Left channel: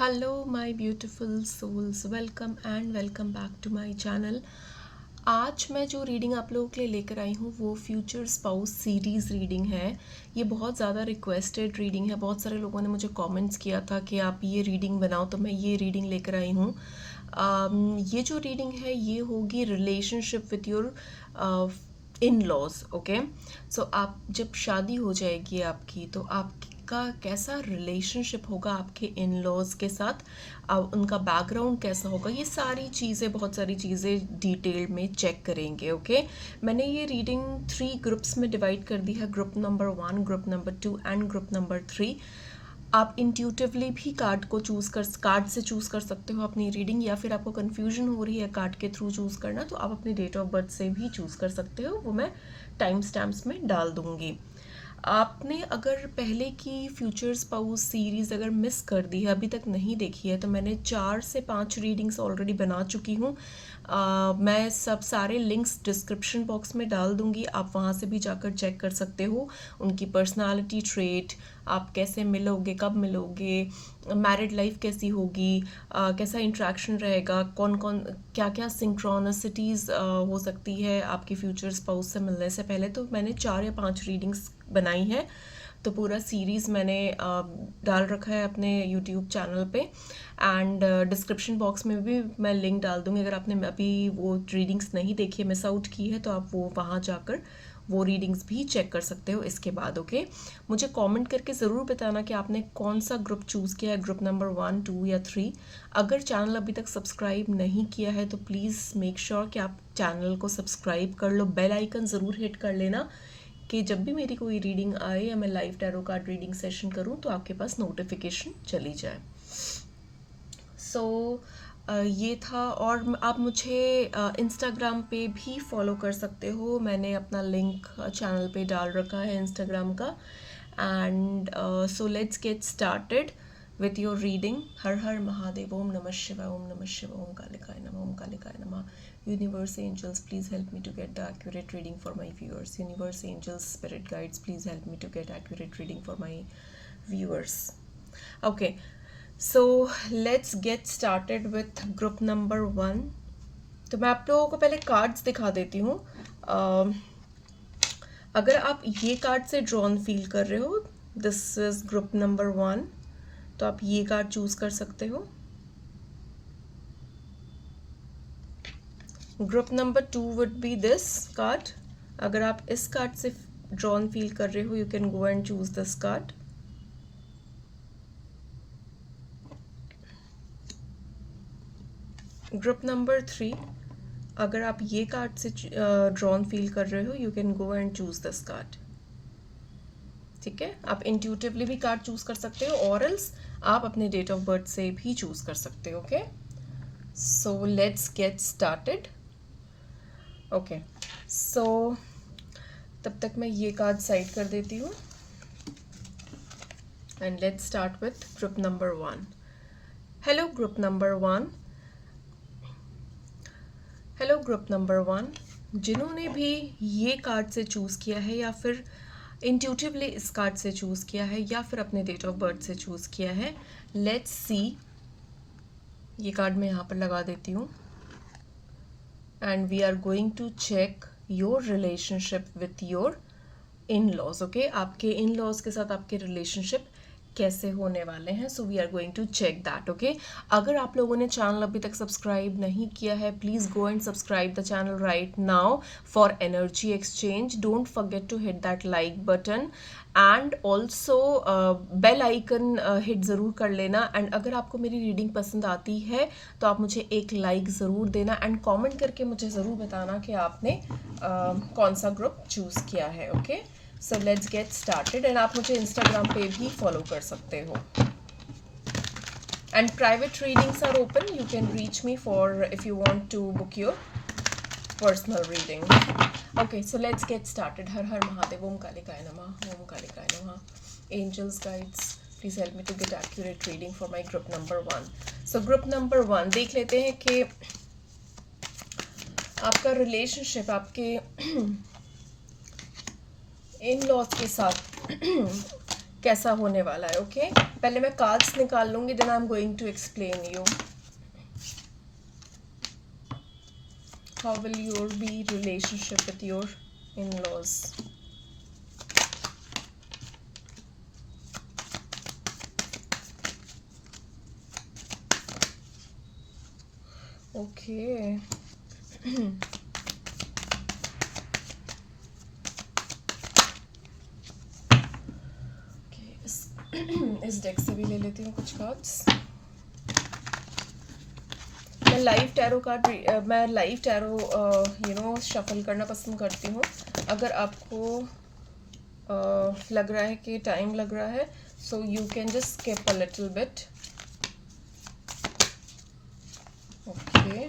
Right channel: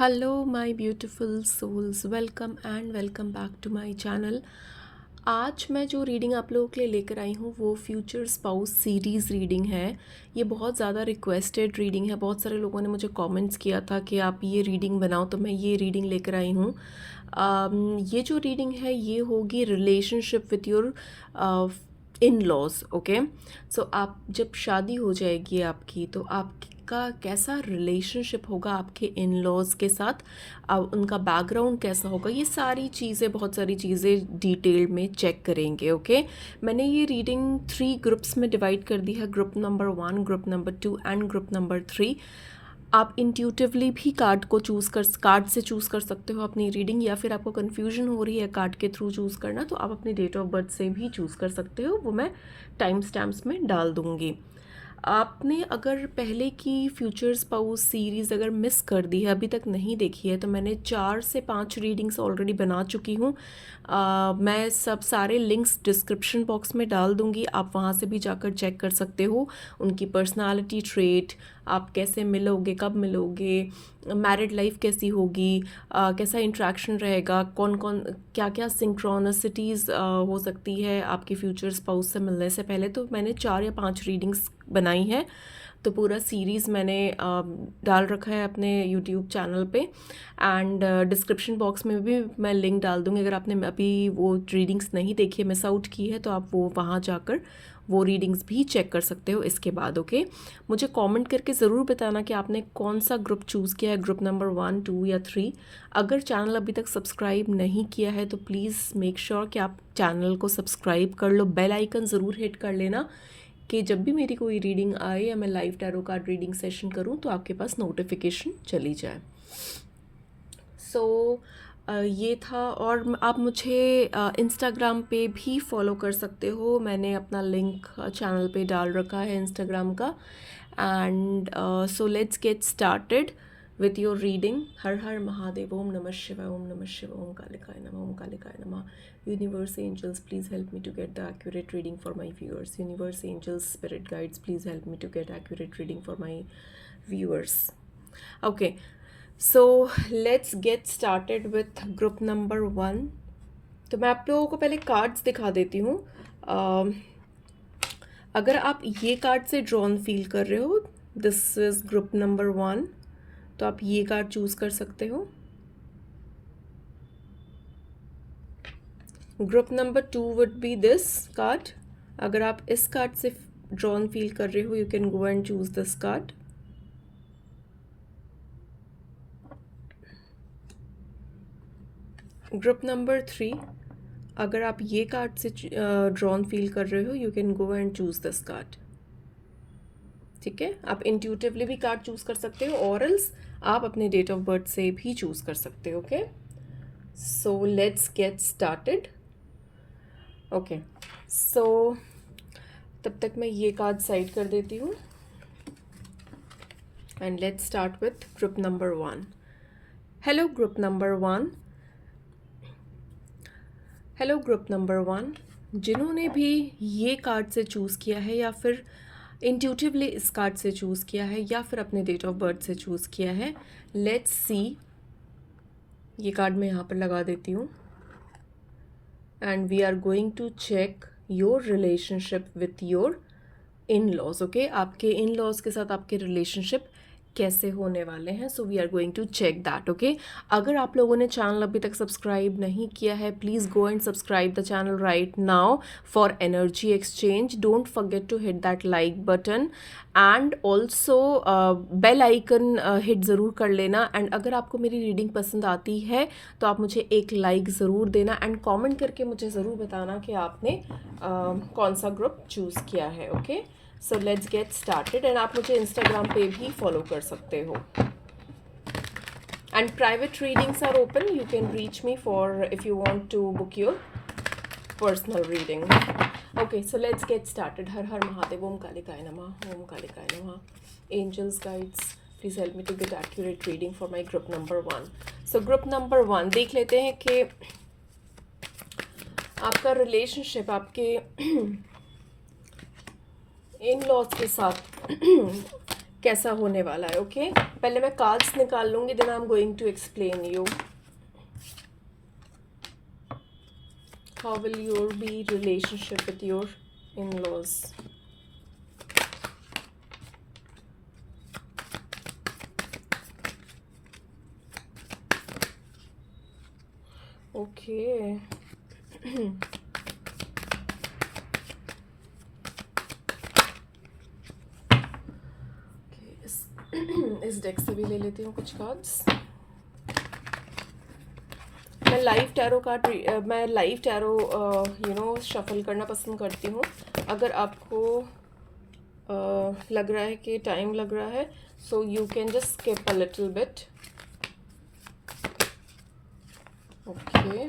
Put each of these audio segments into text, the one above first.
Hello my beautiful souls, welcome and welcome back to my channel. आज मैं जो reading आप लोगों के लिए लेकर आई हूँ वो फ्यूचर स्पाउस सीरीज़ रीडिंग है। ये बहुत ज़्यादा रिक्वेस्टेड रीडिंग है। बहुत सारे लोगों ने मुझे कमेंट्स किया था कि आप ये रीडिंग बनाओ, तो मैं ये रीडिंग लेकर आई हूँ। ये जो रीडिंग है ये होगी relationship with your in laws. Okay, so आप जब शादी हो जाएगी आपकी, तो आपका कैसा रिलेशनशिप होगा आपके इन लॉज के साथ, उनका बैकग्राउंड कैसा होगा, ये सारी चीज़ें, बहुत सारी चीज़ें डिटेल में चेक करेंगे। ओके, मैंने ये रीडिंग 3 ग्रुप्स में डिवाइड कर दी है, group number 1, group number 2 and group number 3। आप इंट्यूटिवली भी कार्ड से चूज़ कर सकते हो अपनी रीडिंग, या फिर आपको कन्फ्यूजन हो रही है कार्ड के थ्रू चूज़ करना, तो आप अपनी डेट ऑफ बर्थ से भी चूज़ कर सकते हो। वो मैं टाइम स्टैम्प्स में डाल दूँगी। आपने अगर पहले की फ्यूचर स्पाउस सीरीज़ अगर मिस कर दी है, अभी तक नहीं देखी है, तो मैंने 4 से 5 रीडिंग्स ऑलरेडी बना चुकी हूँ। मैं सारे लिंक्स डिस्क्रिप्शन बॉक्स में डाल दूँगी, आप वहाँ से भी जाकर चेक कर सकते हो। उनकी पर्सनालिटी ट्रेट, आप कैसे मिलोगे, कब मिलोगे, मैरिड लाइफ कैसी होगी, कैसा इंट्रैक्शन रहेगा, कौन कौन क्या क्या सिंक्रोनिसिटीज़ हो सकती है आपके फ्यूचर स्पाउस से मिलने से पहले। तो मैंने 4 या 5 रीडिंग्स बनाई है, तो पूरा सीरीज़ मैंने डाल रखा है अपने यूट्यूब चैनल पे। एंड डिस्क्रिप्शन बॉक्स में भी मैं लिंक डाल दूँगी। अगर आपने अभी वो रीडिंग्स नहीं देखी है, मिस आउट की है, तो आप वो वहाँ जाकर वो रीडिंग्स भी चेक कर सकते हो इसके बाद। ओके, मुझे कमेंट करके ज़रूर बताना कि आपने कौन सा ग्रुप चूज़ किया है, ग्रुप नंबर 1, 2 या 3। अगर चैनल अभी तक सब्सक्राइब नहीं किया है तो प्लीज़ मेक श्योर कि आप चैनल को सब्सक्राइब कर लो, बेल आइकन ज़रूर हिट कर लेना कि जब भी मेरी कोई रीडिंग आए या मैं live tarot card reading session करूं तो आपके पास नोटिफिकेशन चली जाए। सो ये था। और आप मुझे इंस्टाग्राम पे भी फॉलो कर सकते हो, मैंने अपना लिंक चैनल पे डाल रखा है इंस्टाग्राम का। And so let's get started with your reading. हर हर महादेव, ओम नमः शिवाय, ओम नमः शिवाय, ओम कालिकाय नमः, ओम कालिकाय नमः। Universe angels, please help me to get the accurate reading for my viewers. Universe angels, spirit guides, please help me to get accurate reading for my viewers. Okay, so let's get started with group number 1. तो मैं आप लोगों को पहले cards दिखा देती हूँ। अगर आप ये कार्ड से ड्रॉन फील कर रहे हो, दिस इज ग्रुप नंबर 1, तो आप ये कार्ड चूज कर सकते हो। Group number 2 would be this card. अगर आप इस कार्ड से ड्रॉन फील कर रहे हो, you can go and choose this card. Group number 3, अगर आप ये कार्ड से ड्रॉन फील कर रहे हो, you can go and choose this card. ठीक है, आप इंट्यूटिवली भी कार्ड चूज कर सकते हो, और एल्स आप अपने डेट ऑफ बर्थ से भी चूज कर सकते हो। Okay, so let's get started. Okay, so तब तक मैं ये कार्ड साइड कर देती हूँ and let's start with group number 1। Hello group number 1, hello group number 1। जिन्होंने भी ये कार्ड से चूज़ किया है, या फिर इंट्यूटिवली इस कार्ड से चूज़ किया है, या फिर अपने डेट ऑफ बर्थ से चूज़ किया है, लेट्स सी। ये कार्ड मैं यहाँ पर लगा देती हूँ and we are going to check your relationship with your in laws. Okay, आपके इन लॉज के साथ आपके रिलेशनशिप कैसे होने वाले हैं। So we are going to check that. Okay, अगर आप लोगों ने चैनल अभी तक सब्सक्राइब नहीं किया है, please go and subscribe the channel right now for energy exchange. Don't forget to hit that like button and also bell icon hit ज़रूर कर लेना। एंड अगर आपको मेरी रीडिंग पसंद आती है तो आप मुझे एक लाइक ज़रूर देना एंड कॉमेंट करके मुझे ज़रूर बताना कि आपने कौन सा ग्रुप चूज़ किया है। Okay, so let's get started. And आप मुझे इंस्टाग्राम पे भी फॉलो कर सकते हो। And private readings are open, you can reach me for if you want to book your personal reading. Okay, so let's get started. हर हर महादेव, ओम कालिकाय नमः, ओम कालिकाय नमः। Angels guides, please help me to get accurate reading for my group number 1। So group number 1 देख लेते हैं कि आपका रिलेशनशिप आपके इन लॉज के साथ कैसा होने वाला है। ओके, पहले मैं कार्ड्स निकाल लूँगी, then I am going to explain you how will your be relationship with your in laws. Okay, इस डेक से भी ले लेती हूँ कुछ कार्ड्स। मैं लाइव टैरो शफल करना पसंद करती हूँ। अगर आपको लग रहा है कि टाइम लग रहा है, so you can just skip a little bit. Okay,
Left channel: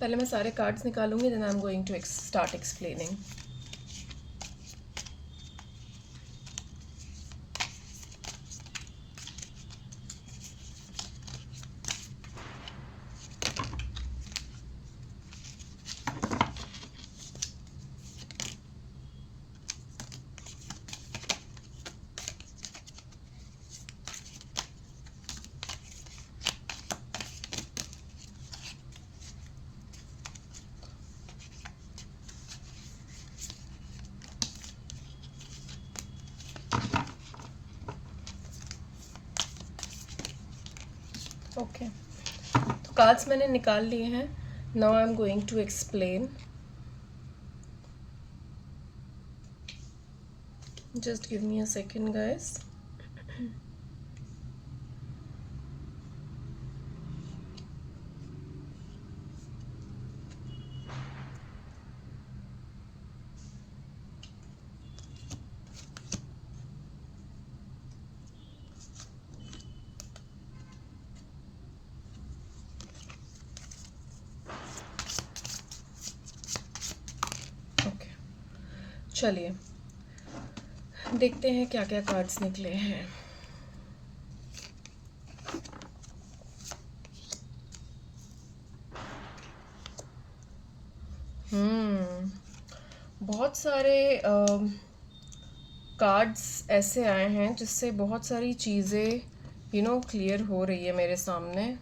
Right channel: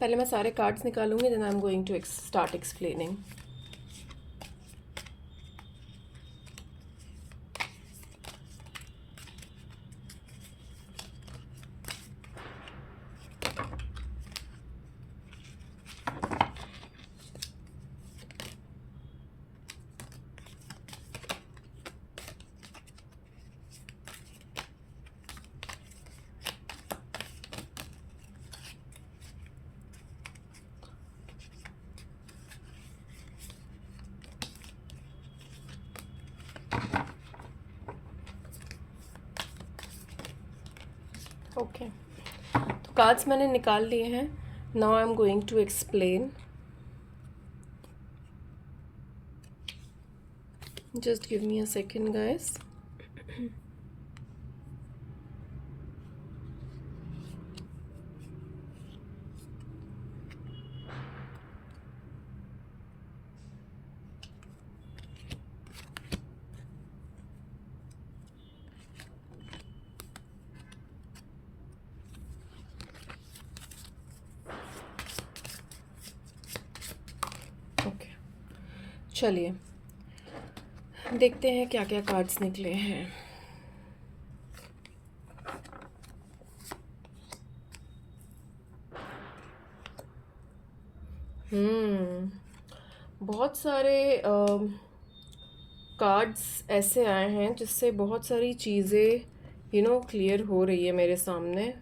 पहले मैं सारे कार्ड्स निकालूंगी, then I am going to start explaining. Okay, तो कार्ड्स मैंने निकाल लिए हैं। Now I am going to explain. Just give me a second guys. Okay, चलिए देखते हैं क्या क्या कार्ड्स निकले हैं। बहुत सारे कार्ड्स ऐसे आए हैं जिससे बहुत सारी चीज़ें क्लियर हो रही है मेरे सामने।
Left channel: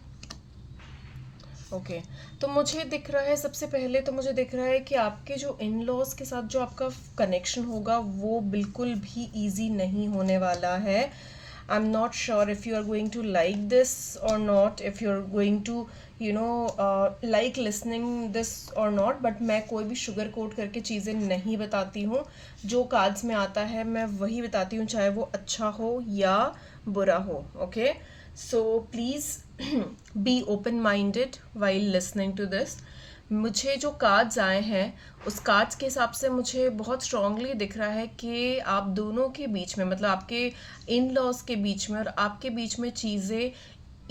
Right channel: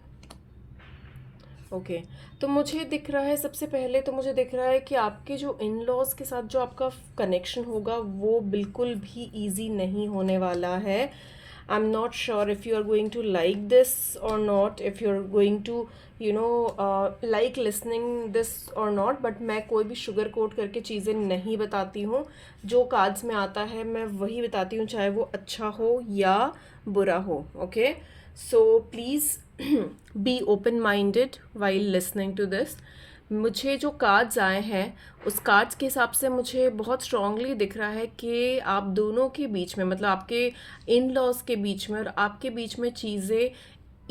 ओके, तो मुझे दिख रहा है, सबसे पहले तो मुझे दिख रहा है कि आपके जो इन लॉज के साथ जो आपका कनेक्शन होगा वो बिल्कुल भी इजी नहीं होने वाला है। I am not sure if you are going to like this or not, if you are going to like listening this or not, but मैं कोई भी शुगर कोट करके चीज़ें नहीं बताती हूँ। जो कार्ड्स में आता है मैं वही बताती हूँ, चाहे वो अच्छा हो या बुरा हो। Okay, so please be open minded while listening to this. मुझे जो कार्ड्स आए हैं उस कार्ड्स के हिसाब से मुझे बहुत स्ट्रांगली दिख रहा है कि आप दोनों के बीच में, मतलब आपके इन लॉज के बीच में और आपके बीच में चीज़ें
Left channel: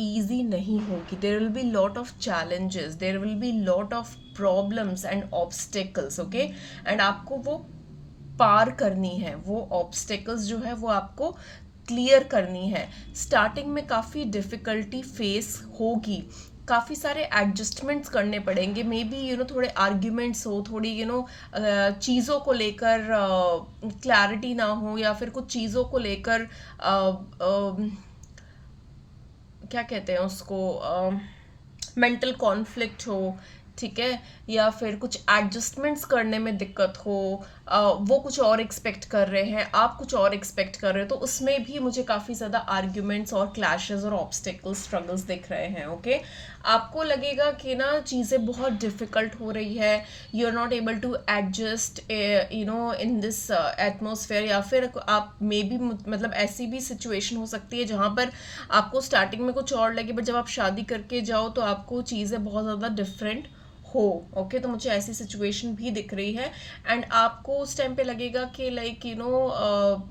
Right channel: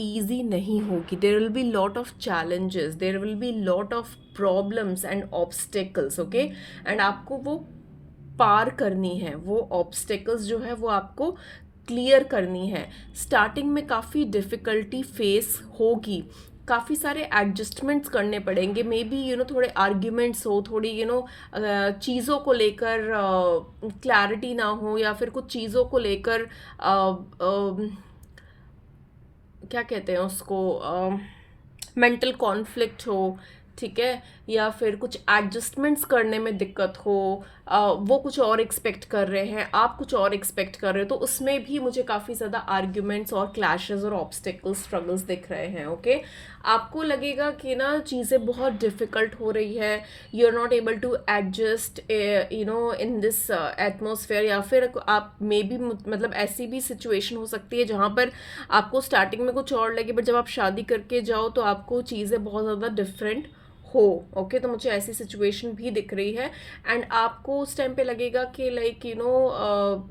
ईजी नहीं होगी। देर will be lot of challenges, there will be lot of problems and obstacles. Okay, and आपको वो पार करनी है, वो ऑब्स्टेकल्स जो है वो आपको क्लियर करनी है। स्टार्टिंग में काफ़ी डिफ़िकल्टी फेस होगी, काफ़ी सारे एडजस्टमेंट्स करने पड़ेंगे, मे बी थोड़े आर्ग्यूमेंट्स हो, थोड़ी चीज़ों को लेकर क्लैरिटी ना हो, या फिर कुछ चीज़ों को लेकर क्या कहते हैं उसको, मेंटल कॉन्फ्लिक्ट हो, ठीक है, या फिर कुछ एडजस्टमेंट्स करने में दिक्कत हो। वो कुछ और एक्सपेक्ट कर रहे हैं, आप कुछ और एक्सपेक्ट कर रहे हो, तो उसमें भी मुझे काफ़ी ज़्यादा आर्ग्यूमेंट्स और क्लैशेस और ऑब्स्टेकल्स, स्ट्रगल्स दिख रहे हैं। ओके, आपको लगेगा कि ना चीज़ें बहुत डिफ़िकल्ट हो रही है, you are not able to adjust in this atmosphere, या फिर आप मे बी, मतलब ऐसी भी सिचुएशन हो सकती है जहाँ पर आपको स्टार्टिंग में कुछ और लगे, बट जब आप शादी करके जाओ तो आपको चीज़ें बहुत ज़्यादा डिफरेंट हो। ओके, तो मुझे ऐसी सिचुएशन भी दिख रही है, एंड आपको उस टाइम पे लगेगा कि लाइक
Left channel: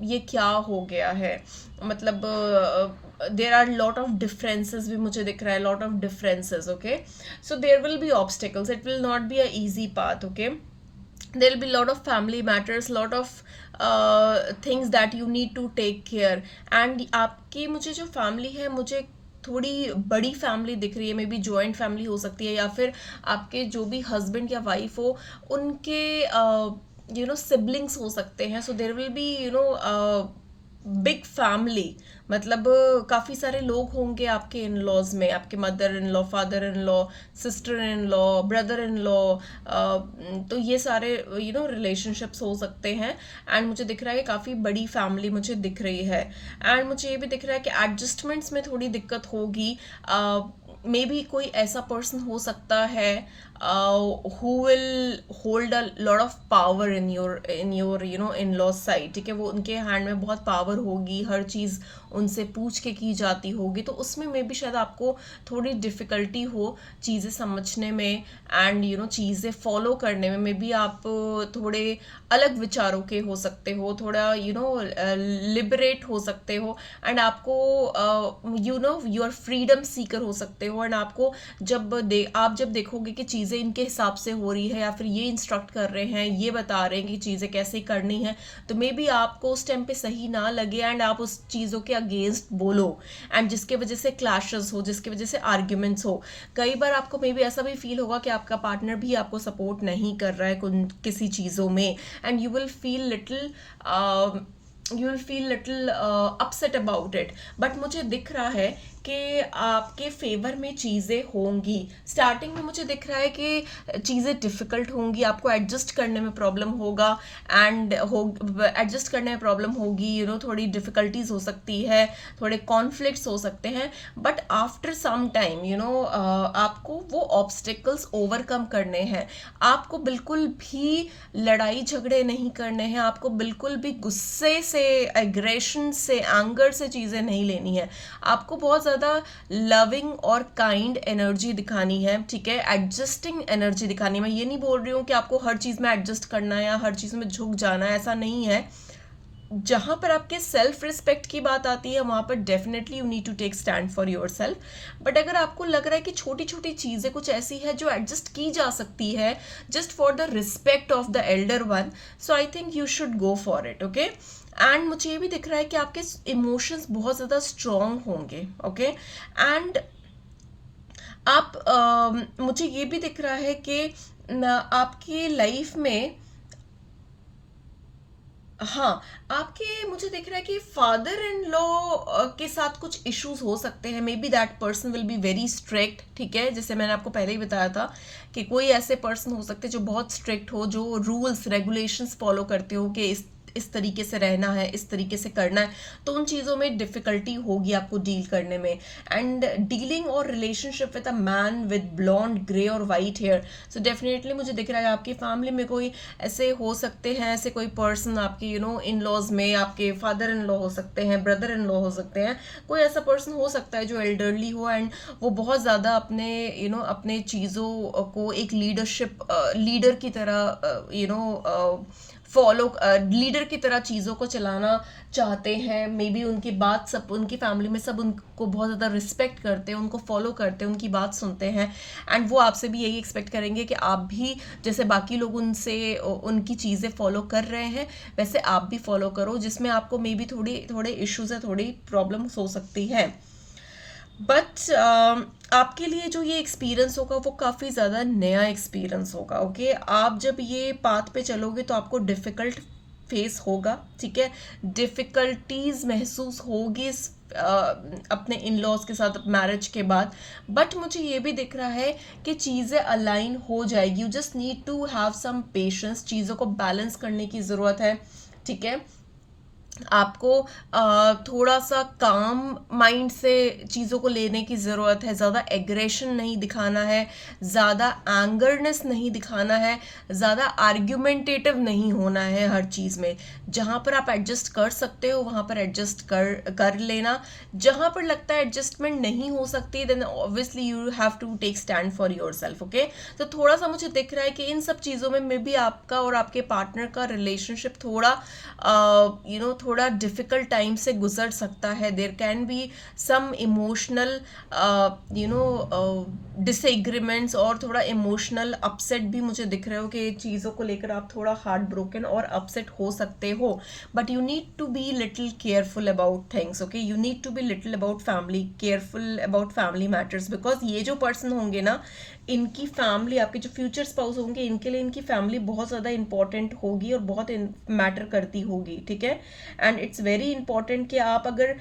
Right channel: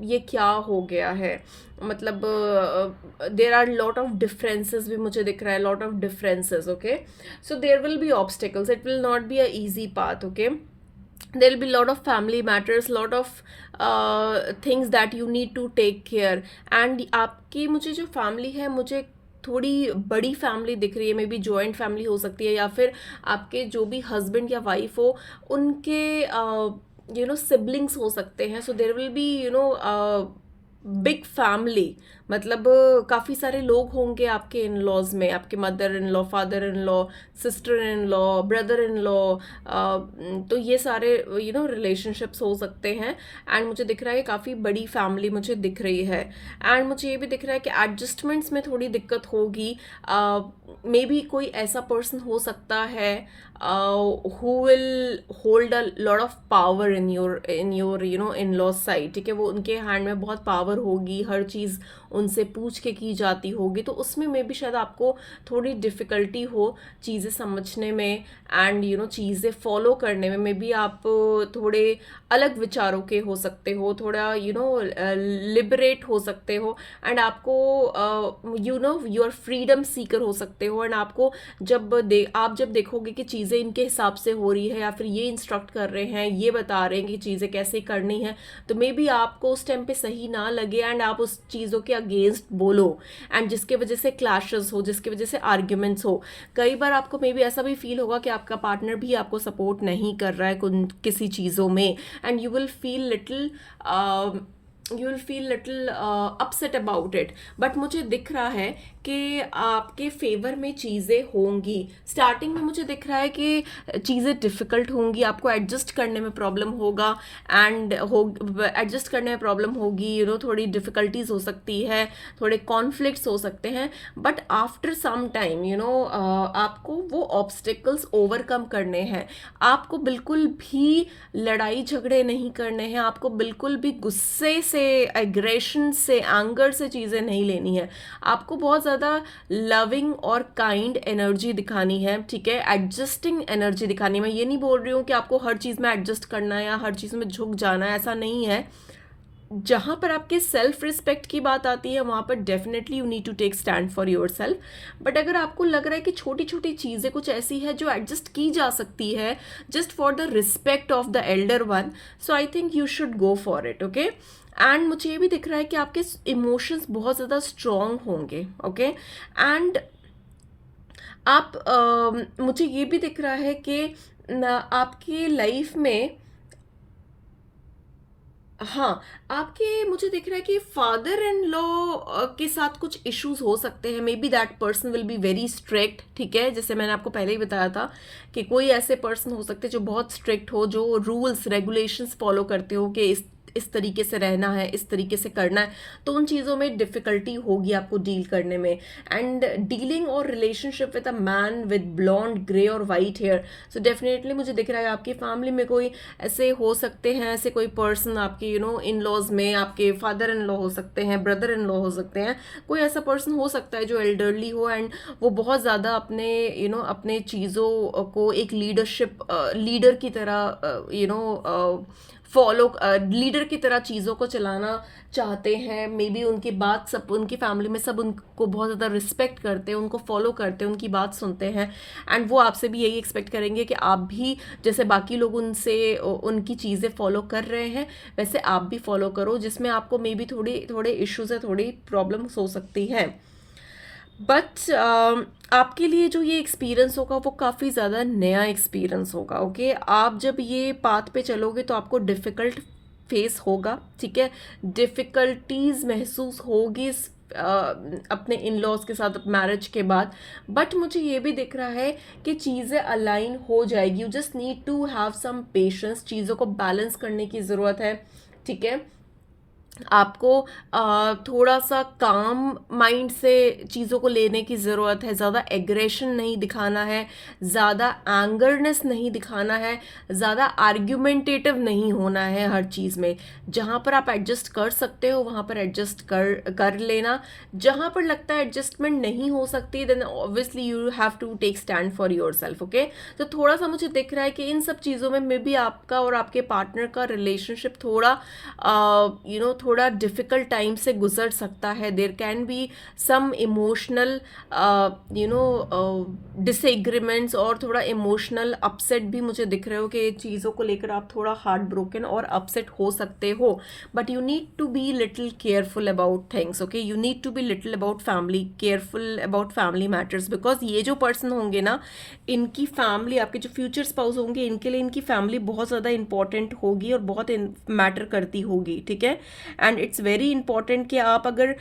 ये क्या हो गया है, मतलब there are lot of differences भी मुझे दिख रहा है, lot of differences. Okay, so there will be obstacles, it will not be a easy path. Okay, there will be lot of family matters, lot of things that you need to take care. and आपकी मुझे जो family है, मुझे थोड़ी बड़ी family दिख रही है, मे बी जॉइंट फैमिली हो सकती है, या फिर आपके जो भी हस्बैंड या वाइफ हो उनके सिबलिंग्स हो सकते हैं. So there will be big family, मतलब काफ़ी सारे लोग होंगे आपके इन लॉज में, आपके mother in law, father in law, sister in law, brother in law. तो ये सारे रिलेशनशिप्स हो सकते हैं. एंड मुझे दिख रहा है काफ़ी बड़ी फैमिली मुझे दिख रही है. एंड मुझे ये भी दिख रहा है कि एडजस्टमेंट्स में थोड़ी दिक्कत होगी. मे बी कोई ऐसा पर्सन हो सकता है who will hold a lot of power in your in-law side. ठीक है, वो उनके हैंड में बहुत पावर होगी, हर चीज़ उनसे पूछ के की जाती होगी. तो उसमें मे भी शायद आपको थोड़ी डिफ़िकल्टी हो चीज़ें समझने में एंड चीज़ें फॉलो करने में. मे बी आप थोड़े अलग विचारों के हो सकते हो, थोड़ा लिबरेट हो सकते हो. एंड आपको यू आर फ्रीडम सीकर हो सकते हो. एंड आपको आप जब देखोगे कि चीज़ें इनके हिसाब से हो रही है, या फिर ये इंस्ट्रक्ट कर रहे हैं, ये बता रहे हैं कि चीज़ें कैसे करनी है, तो मे बी आपको उस टाइम पे सही ना लगे एंड आप उस चीज़ों के अगेंस्ट बोलो, एंड जिसके वजह से क्लैशेस हो, जिसकी वजह से आर्ग्यूमेंट्स हो. कई बार आपको मे बी ऐसा भी फील होगा कि आपका पार्टनर भी आपको सपोर्ट नहीं कर रहा है किसी चीज़ों में, and you will feel little upset about it. But मुझे दिख रहा है कि आपके फेवर में चीज़ें होंगी. स्टार्टिंग में मुझे दिख रहा है कि चीज़ें डिफ़िकल्ट होंगी, आपको एडजस्ट करने में प्रॉब्लम होगा, एंड एडजस्ट करने में प्रॉब्लम होगी, थोड़ी डिफ़िकल्टीज हो सकती है, थोड़े कॉन्फ्लिक्ट्स हो सकते हैं. बट आफ्टर सम टाइम आपको वो ऑब्स्टिकल्स ओवरकम करने हैं. आपको बिल्कुल भी लड़ाई झगड़े नहीं करने हैं, आपको बिल्कुल भी गुस्से से, एग्रेशन से, एंगर से चीज़ें नहीं लेनी है. आपको बहुत ज़्यादा लविंग और काइंड एनर्जी दिखानी है. ठीक है, एडजस्टिंग एनर्जी दिखानी है. मैं ये नहीं बोल रही हूँ कि आपको हर चीज़ में एडजस्ट करना है या हर चीज़ में झुक जाना है, ऐसा नहीं है. जहाँ पर आपके सेल्फ रिस्पेक्ट की बात आती है, वहाँ पर definitely you need to take stand for yourself. But अगर आपको लग रहा है कि छोटी छोटी चीज़ें कुछ ऐसी है जो एडजस्ट की जा सकती है just for the respect of the Elder one, so I think you should go for it. Okay, and मुझे ये भी दिख रहा है कि आपके इमोशंस बहुत ज़्यादा स्ट्रॉन्ग होंगे. ओके, एंड मुझे ये भी दिख रहा है कि आपकी लाइफ में, हाँ, मुझे दिख रहा है कि फादर इन लॉ के साथ कुछ इश्यूज हो सकते हैं. May be that person will be very strict. ठीक है, जैसे मैंने आपको पहले ही बताया था कि कोई ऐसे पर्सन हो सकते हैं जो बहुत स्ट्रिक्ट हो, जो रूल्स रेगुलेशंस फॉलो करते हो कि इस तरीके से रहना है, इस तरीके से करना है. तो उन चीज़ों में डिफ़िकल्टी होगी आपको डील करने में. एंड डीलिंग और relationship with a man with blonde, grey और वाइट हेयर, सो डेफिनेटली मुझे दिख रहा है आपकी फैमिली में कोई ऐसे हो सकते हैं, ऐसे कोई पर्सन आपके इन लॉज में, आपके फादर इन लॉ हो सकते हैं, ब्रदर इन लॉ हो सकते हैं. कोई ऐसा पर्सन हो सकता है जो एल्डरली हो एंड वो बहुत ज़्यादा अपने चीज़ों को एक लीडर की तरह लीडर की तरह चीज़ों को चलाना चाहते हैं. मे बी उनकी बात, सब उनकी फैमिली में सब उनको बहुत ज़्यादा रिस्पेक्ट करते हैं, उनको फॉलो करते हैं, उनकी बात सुनते हैं. एंड वो आपसे भी यही एक्सपेक्ट करेंगे कि आप भी जैसे बाकी लोग उनकी चीज़ें फॉलो कर रहे हैं, वैसे आप भी फॉलो करो. जिसमें आपको मे बी थोड़े इश्यूज है, थोड़ी प्रॉब्लम्स हो सकती है. बट आपके लिए जो ये एक्सपीरियंस होगा वो काफ़ी ज़्यादा नया एक्सपीरियंस होगा. ओके, आप जब ये पाथ पे चलोगे तो आपको डिफ़िकल्ट फेस होगा. ठीक है, डिफ़िकल्टीज महसूस होगी अपने इन लॉज के साथ मैरिज के बाद. बट मुझे ये भी दिख रहा है कि चीज़ें अलाइन हो जाएगी. You just need to have some patience. चीज़ों को बैलेंस करने की ज़रूरत है. ठीक है, आपको थोड़ा सा काम माइंड से चीज़ों को लेने की ज़रूरत है. ज़्यादा एग्रेशन नहीं दिखाना है, ज़्यादा एंगरनेस नहीं दिखाना है, ज़्यादा आर्ग्यूमेंटेटिव नहीं होना है हर चीज़ में. जहाँ पर आप एडजस्ट कर सकते हो वहाँ पर एडजस्ट कर लेना. जहाँ पर लगता है एडजस्टमेंट नहीं हो सकती, then obviously you have to take stand for yourself. Okay, तो थोड़ा सा मुझे दिख रहा है कि इन सब चीज़ों में मे बी आपका और आपके पार्टनर का रिलेशनशिप थोड़ा डिफ़िकल्ट टाइम से गुजर सकता है. There can be some emotional disagreements और थोड़ा इमोशनल अपसेट भी मुझे दिख रहे हो कि चीज़ों को लेकर आप थोड़ा हार्ट ब्रोकन और अपसेट हो सकते हो. But you need to be little careful about things. Okay, you need to be little about family, careful about family matters, because ये जो पर्सन होंगे ना, इनकी फैमिली, आपके जो फ्यूचर स्पाउस होंगे, इनके लिए इनकी फैमिली बहुत ज़्यादा इंपॉर्टेंट होगी और बहुत मैटर करती होगी. ठीक है, एंड इट्स वेरी इंपॉर्टेंट कि आप अगर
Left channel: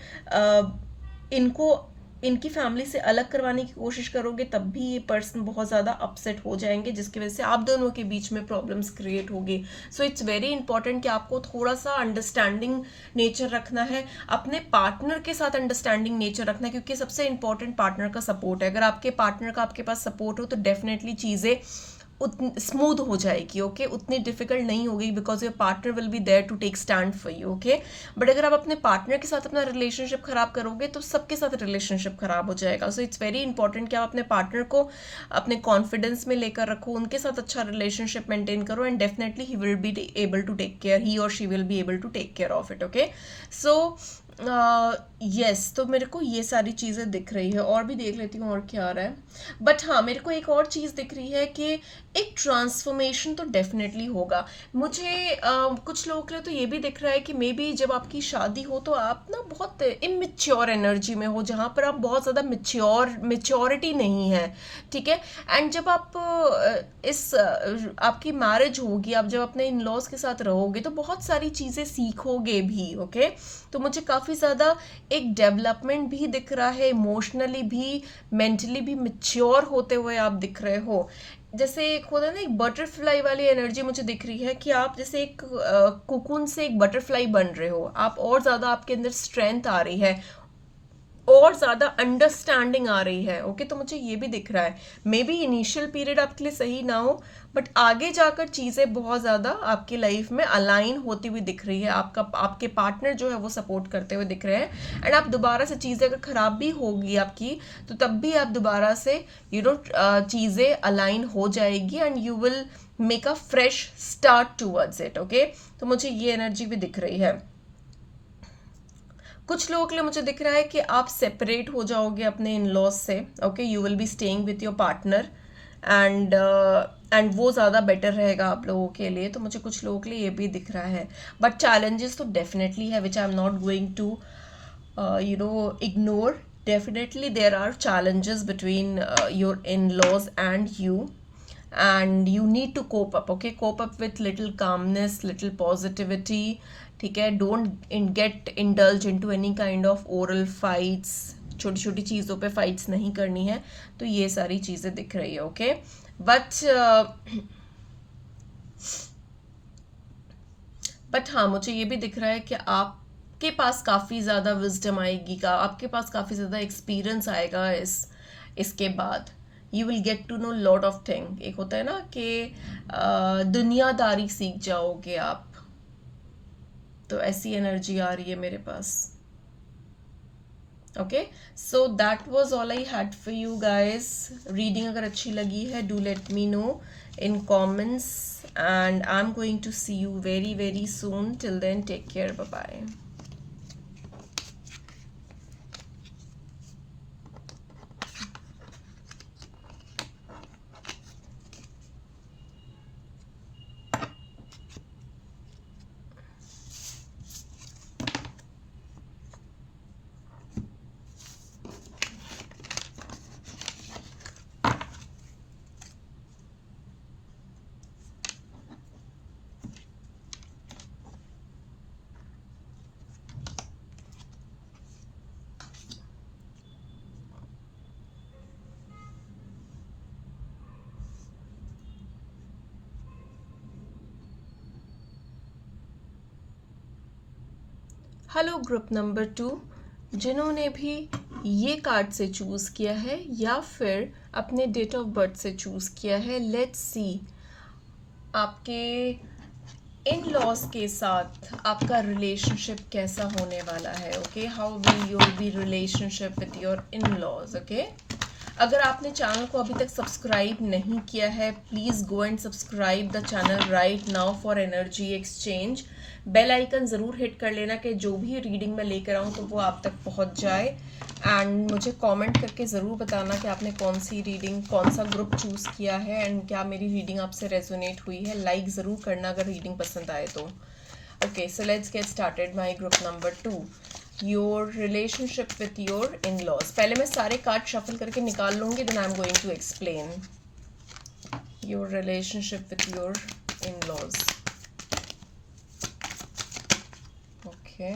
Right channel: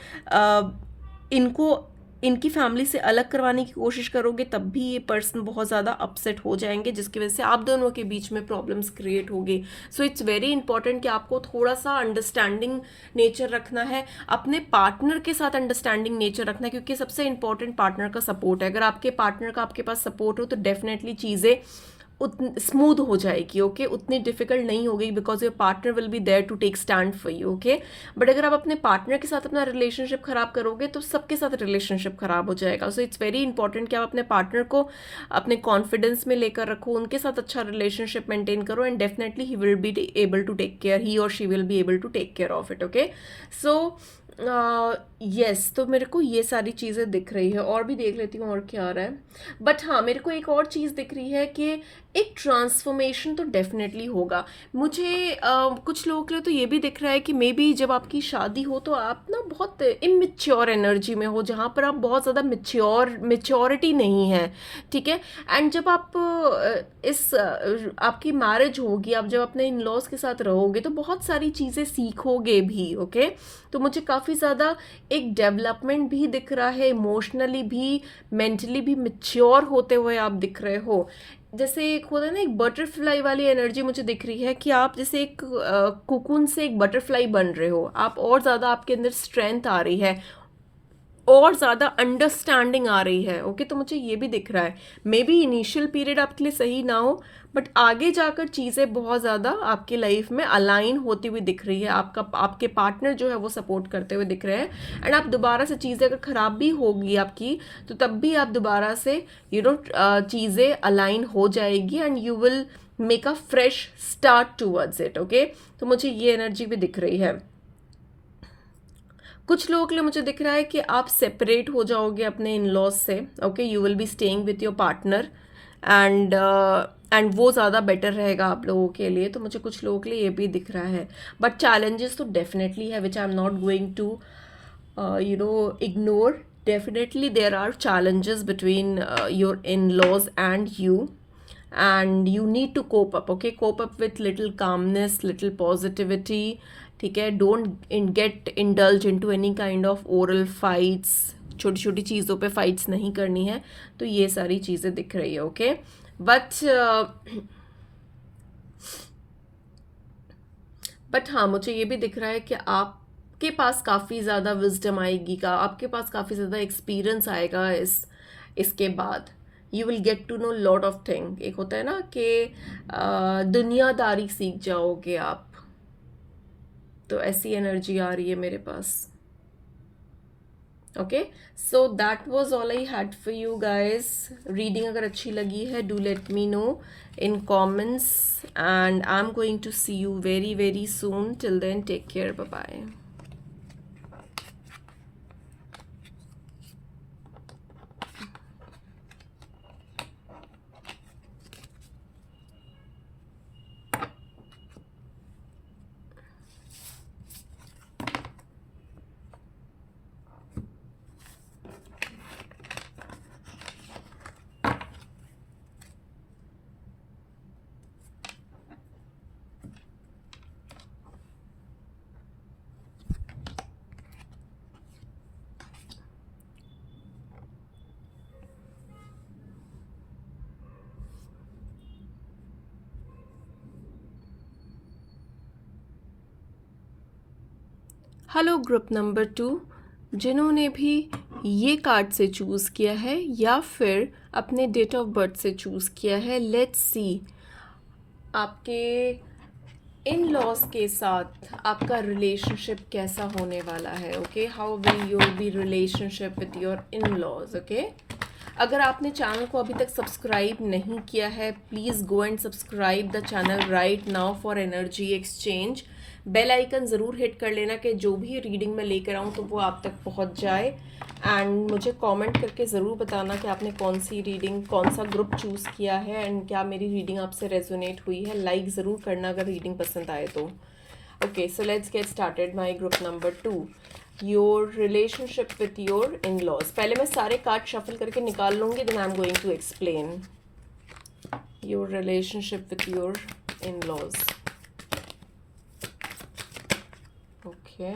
इनको इनकी फैमिली से अलग करवाने की कोशिश करोगे तब भी ये पर्सन बहुत ज़्यादा अपसेट हो जाएंगे, जिसकी वजह से आप दोनों के बीच में प्रॉब्लम्स क्रिएट होगी. सो इट्स वेरी इंपॉर्टेंट कि आपको थोड़ा सा अंडरस्टैंडिंग नेचर रखना है, अपने पार्टनर के साथ अंडरस्टैंडिंग नेचर रखना है, क्योंकि सबसे इंपॉर्टेंट पार्टनर का सपोर्ट है. अगर आपके पार्टनर का आपके पास सपोर्ट हो तो डेफिनेटली चीज़ें स्मूथ हो जाएगी. ओके, उतनी डिफिकल्ट नहीं होगी, because your partner will be there to take stand for you. Okay, but अगर आप अपने पार्टनर के साथ अपना रिलेशनशिप खराब करोगे तो सबके साथ रिलेशनशिप खराब हो जाएगा. सो इट्स वेरी इंपॉर्टेंट कि आप अपने पार्टनर को अपने कॉन्फिडेंस में लेकर रखो, उनके साथ अच्छा रिलेशनशिप मेंटेन करो, and definitely he will be able to take care, he और she will be able to take care of it. Okay, so yes, तो मेरे को ये सारी चीज़ें दिख रही है. और भी देख लेती हूँ और क्या आ रहा है. बट हाँ, मेरे को एक और चीज़ दिख रही है कि एक ट्रांसफॉर्मेशन तो डेफिनेटली होगा. मुझे कुछ लोगों के लिए तो ये भी दिख रहा है कि मे बी जब आपकी शादी हो तो आप ना बहुत इमेच्योर एनर्जी में हो, जहाँ पर आप बहुत ज़्यादा मेच्योरिटी नहीं है. ठीक है, एंड जब आप आपकी मैरिज होगी, आप जब अपने इन लॉज के साथ रहोगे तो बहुत सारी चीज़ें सीखोगे भी. ओके, तो मुझे काफ़ी ज़्यादा एक डेवलपमेंट भी दिख रहा है, इमोशनली भी, मेंटली भी मैच्योर होते हुए आप दिख रहे हो. जैसे एक होता है ना, एक बटरफ्लाई वाली एनर्जी मुझे दिख रही है कि आप जैसे एक कोकून से एक बटरफ्लाई बन रहे हो. आप और ज़्यादा, आपके अंदर स्ट्रेंथ आ रही है और ज़्यादा अंडरस्टैंडिंग आ रही है. ओके, तो मुझे ये भी दिख रहा है. मे बी इनिशियल पीरियड आपके लिए सही ना हो, बट आगे जाकर चीज़ें बहुत ज़्यादा आपकी लाइफ में अलाइन होती हुई दिख रही है. आपके पार्टनर जो है वो सपोर्ट करते हुए दिख रहे हैं, एंड आप दोबारा से चीज़ें अगर ख़राब भी होगी आपकी तो तब भी आप दोबारा से चीज़ें अलाइन हो जाएगी, and you will make a fresh start towards it. Okay, तो मुझे ये एनर्जी भी दिख रही है. कुछ लोगों के लिए मुझे दिख रहा है कि आप सेपरेट हो जाओगे अपने इन लॉज से. Okay, you will be staying with your partner, and वो ज़्यादा बेटर रहेगा आप लोगों के लिए. तो मुझे कुछ लोगों के लिए ये भी दिख रहा है. बट चैलेंजेस तो डेफिनेटली है, which I am not going to ignore. Definitely there are challenges between your in-laws and you, and you need to cope up. Okay, cope up with little calmness, little positivity. ठीक है, don't get indulge into any kind of oral fights. छोटी छोटी चीज़ों पे fights नहीं करनी है. तो ये सारी चीज़ें दिख रही है. ओके, बट हाँ, मुझे ये भी दिख रहा है कि आपके पास काफ़ी ज़्यादा विजडम आएगी, आपके पास काफ़ी ज़्यादा एक्सपीरियंस आएगा इसके बाद. You will get to know lot of thing. एक होता है ना कि दुनियादारी सीख जाओगे आप, तो ऐसी एनर्जी आ रही है मेरे पास. Okay, so that was all I had for you guys. Reading अगर अच्छी लगी है, do let me know in comments, and I'm going to see you very very soon. Till then, take care. Bye bye. Hello group number 2, जिन्होंने भी ये card से choose किया है या फिर अपने डेट ऑफ बर्थ से चूज़ किया है, लेट्स सी आपके इन लॉज के साथ आपका रिलेशनशिप कैसा होने वाला है. Okay, how will your be relationship with your in laws. Okay, अगर आपने चैनल को अभी तक सब्सक्राइब नहीं किया है, please go and subscribe the channel right now for energy exchange. Bell icon ज़रूर हिट कर लेना कि जो भी रीडिंग मैं लेकर आऊँ तो वो आप तक पहुँच जाए। एंड मुझे कमेंट करके ज़रूर बताना कि आपने कौन सी रीडिंग, कौन सा ग्रुप चूज़ किया है एंड क्या मेरी रीडिंग आपसे रेजोनेट हुई है। लाइक ज़रूर करना अगर रीडिंग पसंद आए तो। Okay, so let's get started. My group number 2, your relationship with your in laws. पहले मैं सारे कार्ड शफल करके निकाल लूँगी, then I am going to explain your relationship with your in laws. Okay,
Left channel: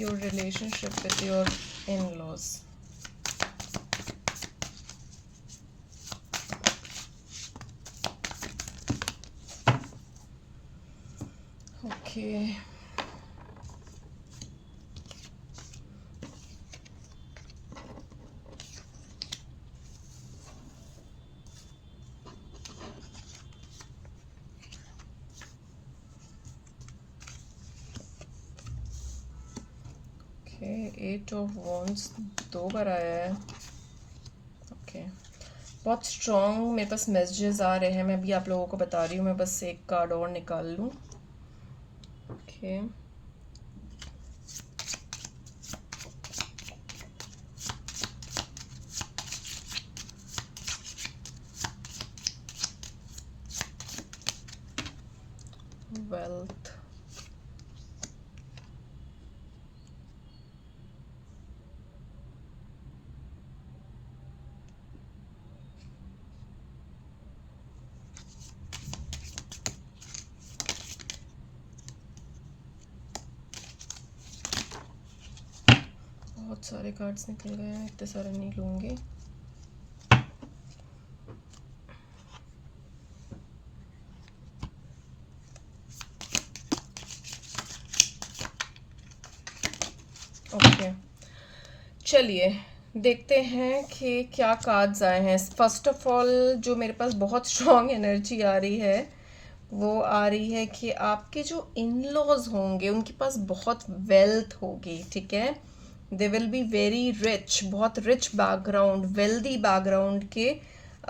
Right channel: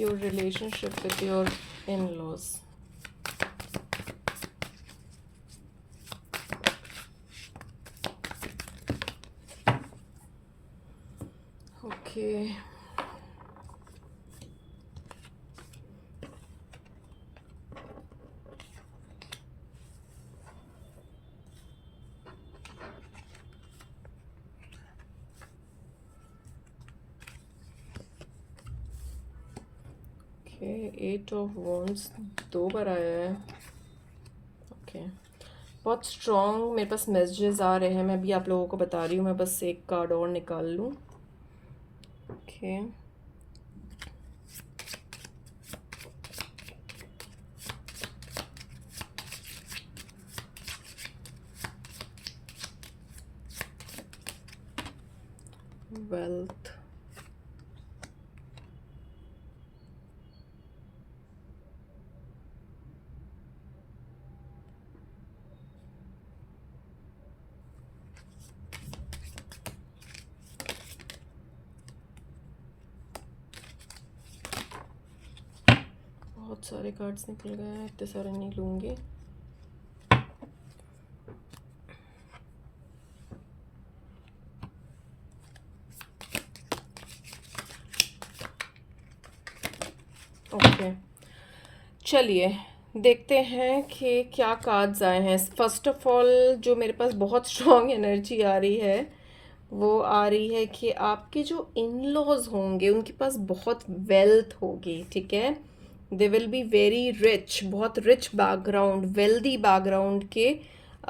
your relationship with your in-laws. Okay. Eight of wands 2 बार आया है। Okay, बहुत स्ट्रॉन्ग मेरे पास मैसेजेस आ रहे हैं। मैं भी आप लोगों को बता रही हूँ। मैं बस एक कार्ड और निकाल लूँ। ओके, वेल्थ, बहुत सारे कार्ड्स निकल गए हैं, इतने सारे नहीं लूँगी। ओके, चलिए देखते हैं कि क्या कार्ड्स आए हैं। फर्स्ट ऑफ ऑल जो मेरे पास बहुत स्ट्रॉन्ग एनर्जी आ रही है वो आ रही है कि आपके जो इन लॉज होंगे उनके पास बहुत वेल्थ होगी, ठीक है। They will be very rich, बहुत रिच बैकग्राउंड, वेल्दी बैकग्राउंड के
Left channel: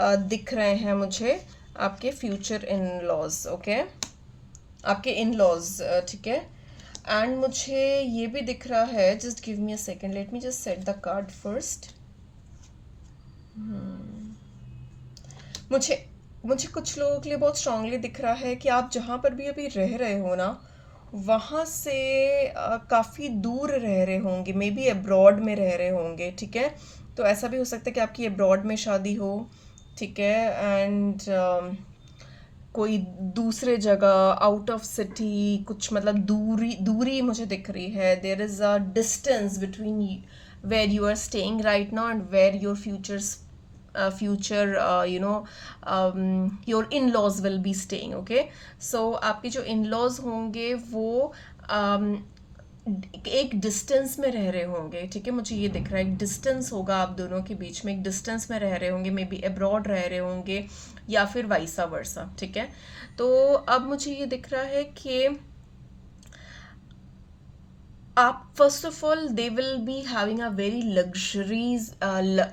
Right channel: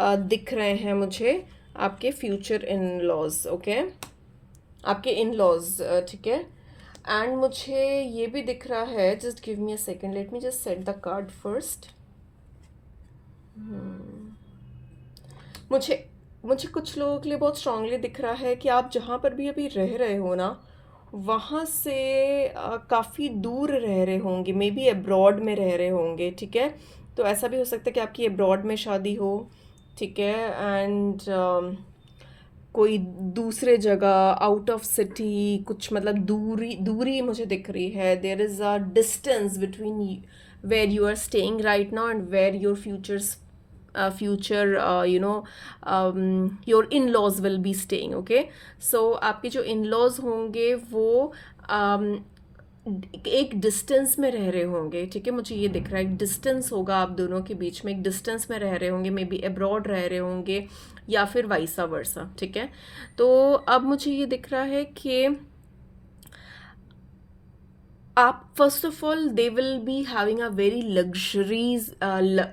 दिख रहे हैं मुझे आपके फ्यूचर इन लॉज। ओके, आपके इन लॉज, ठीक है। एंड मुझे ये भी दिख रहा है, just give me a second, let me just set the card first. मुझे मुझे कुछ लोगों के लिए बहुत स्ट्रांगली दिख रहा है कि आप जहाँ पर भी अभी रह रहे हो ना, वहाँ से काफ़ी दूर रह रहे होंगे, मे बी अब्रॉड में रह रहे होंगे, ठीक है। तो ऐसा भी हो सकता है कि आपकी अब्रॉड में शादी हो, ठीक है। एंड कोई दूसरे जगह आउट ऑफ सिटी, कुछ मतलब दूरी दूरी मुझे दिख रही है। There is a distance between where you are staying right now and where your future your in-laws will be staying. Okay, so आपके जो in-laws होंगे वो एक डिस्टेंस में रह रहे होंगे, ठीक है। मुझे ये दिख रहा है एक डिस्टेंस होगा आप दोनों के बीच में, एक डिस्टेंस में रह रहे होंगे, मे बी अब्रॉड रह रहे होंगे या फिर वाइसा वर्सा, ठीक है। तो अब मुझे ये दिख रहा है कि आप first of all they will be having a very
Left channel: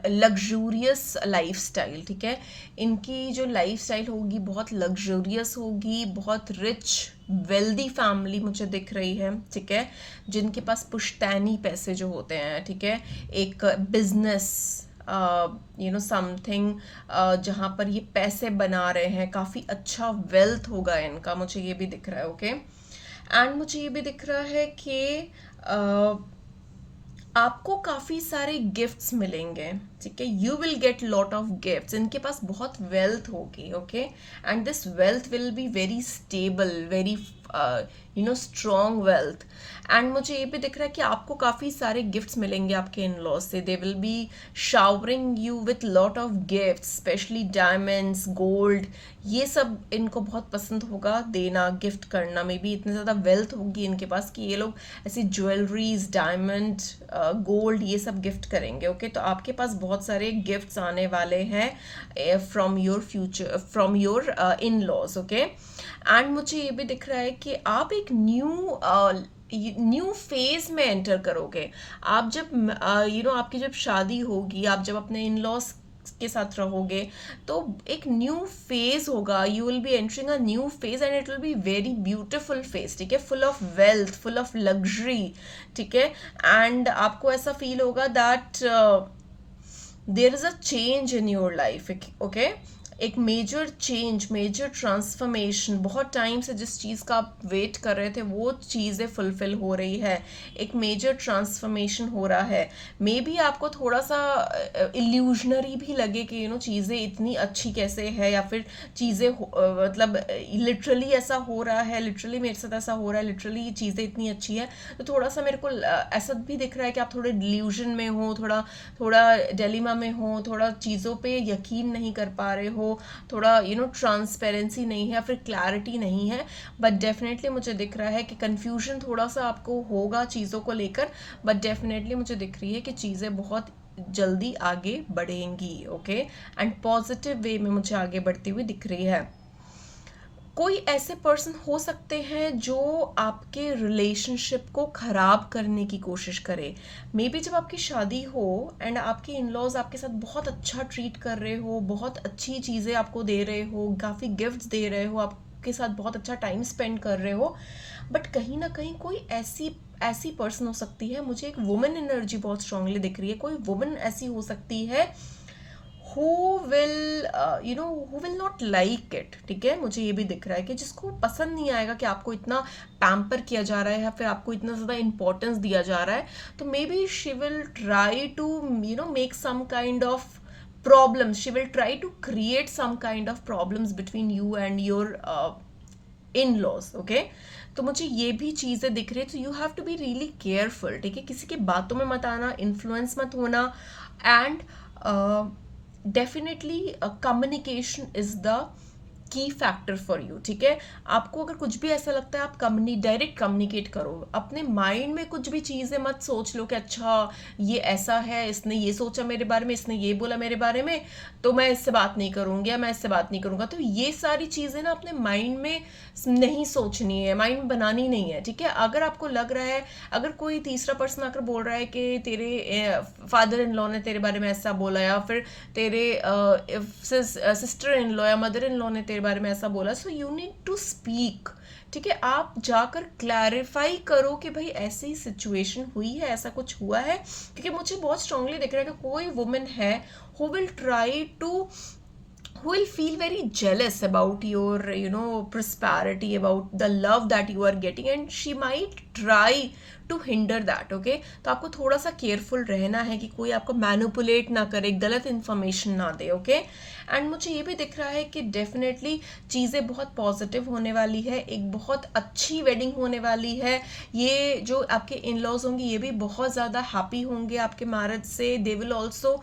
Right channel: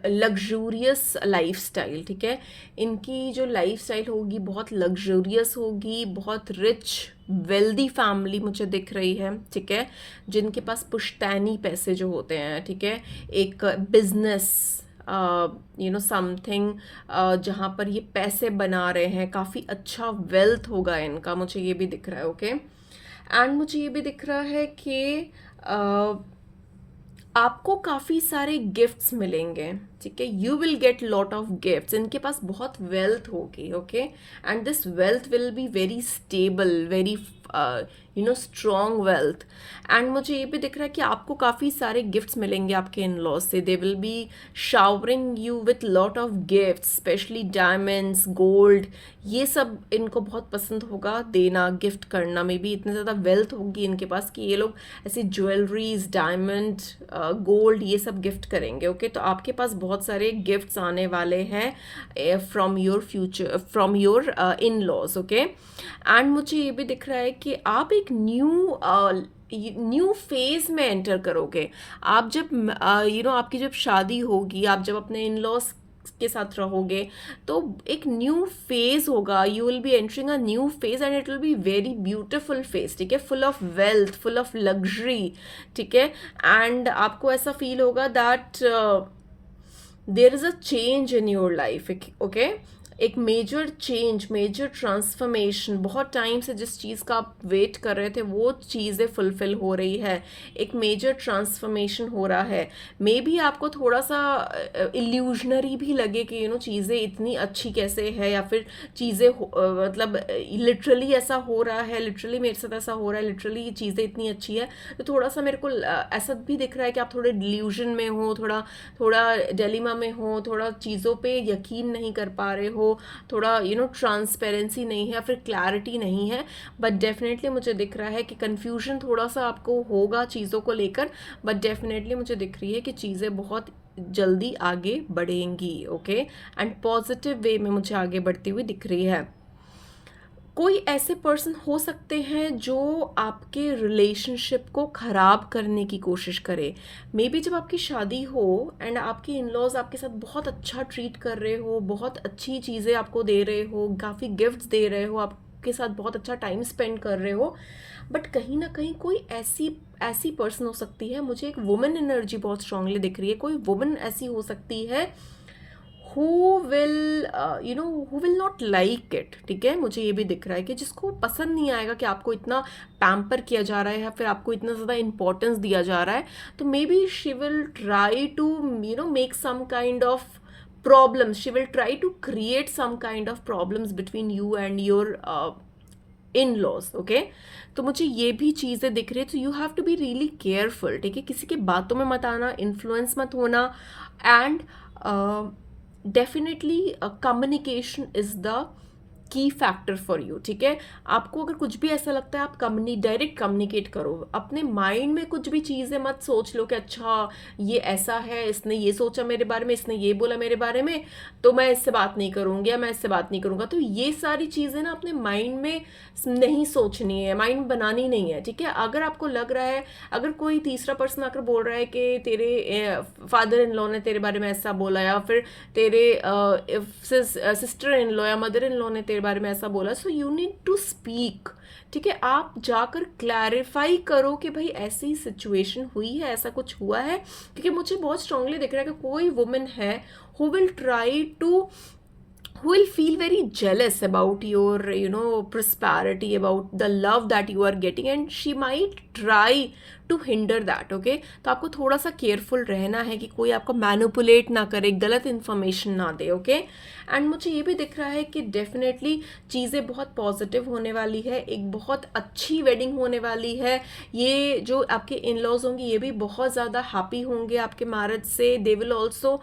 luxurious life style, ठीक है। इनकी जो लाइफ स्टाइल होगी बहुत लग्जूरियस होगी, बहुत रिच वेल्दी फैमिली मुझे दिख रही है, ठीक है। जिनके पास पुश्तैनी पैसे जो होते हैं, ठीक है। एक बिजनेस समथिंग जहाँ पर ये पैसे बना रहे हैं, काफ़ी अच्छा वेल्थ होगा इनका, मुझे ये भी दिख रहा है। ओके, एंड मुझे ये भी दिख रहा है कि आपको काफ़ी सारे गिफ्ट्स मिलेंगे, ठीक है। You will get lot of gifts. इनके पास बहुत वेल्थ होगी, okay. And this wealth will be very stable, very strong wealth. And मुझे ये भी दिख रहा है कि आपको काफ़ी सारे गिफ्ट्स मिलेंगे आपके इन लॉज से। They will be showering you with lot of gifts, specially diamonds, gold, ये सब इनको बहुत पसंद होगा देना, गिफ्ट करना। मे बी इतनी ज़्यादा वेल्थ होगी इनके पास कि ये लोग ऐसे ज्वेलरीज, डायमंड, गोल्ड, ये सब गिफ्ट करेंगे। ओके, तो आपके पास बहुत सारे गिफ्ट्स आने वाले हैं from your future, from your in laws. Okay, and मुझे ये भी दिख रहा है कि आप एक न्यू न्यू फेज में एंटर करोगे। आप जब आपकी जब शादी होगी, आप जब अपने इन लॉज के साथ रहोगे, तो एक न्यू फेज होगा, you will be entering a new phase and it will be very beautiful phase, ठीक है, full of wealth, full of luxury, ठीक है। एंड आपको ऐसा फील होगा that there is a change in your life, okay. एक major change, major transformation, बहुत time से जिस चीज़ का आप वेट कर रहे थे वो चीज़ें फुलफिल हो रही है, एक मेजर ट्रांसफॉर्मेशन हो रहा है। मे बी आपको थोड़ा सा इल्यूजनरी भी लगे कि चीज़ें इतनी अच्छी कैसे है, या फिर चीज़ें मतलब लिटरली ऐसा हो रहा है, लिटरली मेरे साथ ऐसा हो रहा है, लिटरली ये चीज़ें इतनी अच्छी है। तो थोड़ा सा मेरे को ऐसा भी दिख रहा है कि आप थोड़े डिल्यूजन में हो, थोड़ा थोड़ा डिलेमा में हो, थोड़ा चीज़ों पे यकीन नहीं कर पा रहे हो, थोड़ा ट्रांसपेरेंसी नहीं है, फिर क्लैरिटी नहीं है। बट डेफिनेटली मुझे दिख रहा है कि कन्फ्यूजन थोड़ा सा आपको होगा चीज़ों को लेकर, बट डेफिनेटली मुझे दिख रही है कि चीज़ें बहुत जल्दी आगे बढ़ेंगी, ओके। एंड पॉजिटिव वे में मुझे आगे बढ़ती हुई दिख रही है। कोई ऐसे पर्सन हो सकते हैं जो आपके रिलेशनशिप को ख़राब करने की कोशिश करे। मे बी जब आपकी शादी हो एंड आपके इन लॉज आपके साथ बहुत अच्छा ट्रीट कर रहे हो, बहुत अच्छी चीज़ें आपको दे रहे हो, काफ़ी गिफ्ट्स दे रहे हो, आपके साथ बहुत अच्छा टाइम स्पेंड कर रहे हो, बट कहीं ना कहीं कोई ऐसी ऐसी पर्सन हो सकती है, मुझे एक वुमेन एनर्जी बहुत स्ट्रांगली दिख रही है, कोई वुमेन ऐसी हो सकती है who will who will not like it, ठीक है। मुझे ये भी दिख रहा है कि जिसको पसंद नहीं आएगा कि आपको इतना पैम्पर किया जा रहा है या फिर आपको इतना ज़्यादा इंपॉर्टेंस दिया जा रहा है, तो maybe she will try to make some kind of problems, she will try to create some kind of problems between you and your in-laws, okay। तो मुझे ये भी चीज़ें दिख रही है, तो you have to be really careful, ठीक है, किसी के बातों में मत आना, इन्फ्लुएंस मत होना। And definitely communication is the key factor for you, ठीक है। आपको अगर कुछ भी ऐसा लगता है, आप डायरेक्ट कम्युनिकेट करो, अपने माइंड में कुछ भी चीज़ें मत सोच लो कि अच्छा ये ऐसा है, इसने ये सोचा मेरे बारे में, इसने ये बोला मेरे बारे में, तो मैं इससे बात नहीं करूँगी या मैं इससे बात नहीं करूँगा। तो ये सारी चीज़ें ना अपने माइंड में नहीं सोचनी है, माइंड में बनानी नहीं है, ठीक है। अगर आपको लग रहा है, अगर कोई तीसरा पर्सन आकर बोल रहा है कि तेरे फादर इन लॉ ने तेरे बारे में ऐसा बोला, या फिर तेरे सिस्टर इन लॉ या मदर इन लॉ ने तेरे बारे में ऐसा बोला, so you need to speak, ठीक है। आप जाकर क्लैरिफाई करो कि भाई ऐसी सिचुएशन हुई है, ऐसा कुछ हुआ है, क्योंकि मुझे बहुत स्ट्रांगली दिख रहा है कि कोई वुमेन है who will try to who will feel very jealous about your prosperity, about the love that you are getting, and she might try to hinder that, okay। तो आपको थोड़ा सा केयरफुल रहना है कि कोई आपको मैनिपुलेट ना करे, गलत इन्फॉर्मेशन ना दे, ओके। एंड मुझे ये भी दिख रहा है कि डेफिनेटली चीज़ें बहुत पॉजिटिव होने वाली है, एक बहुत अच्छी वेडिंग होने वाली है। ये जो आपके इन लॉज होंगे ये भी बहुत ज़्यादा हैप्पी होंगे आपके मैरिज से। They will also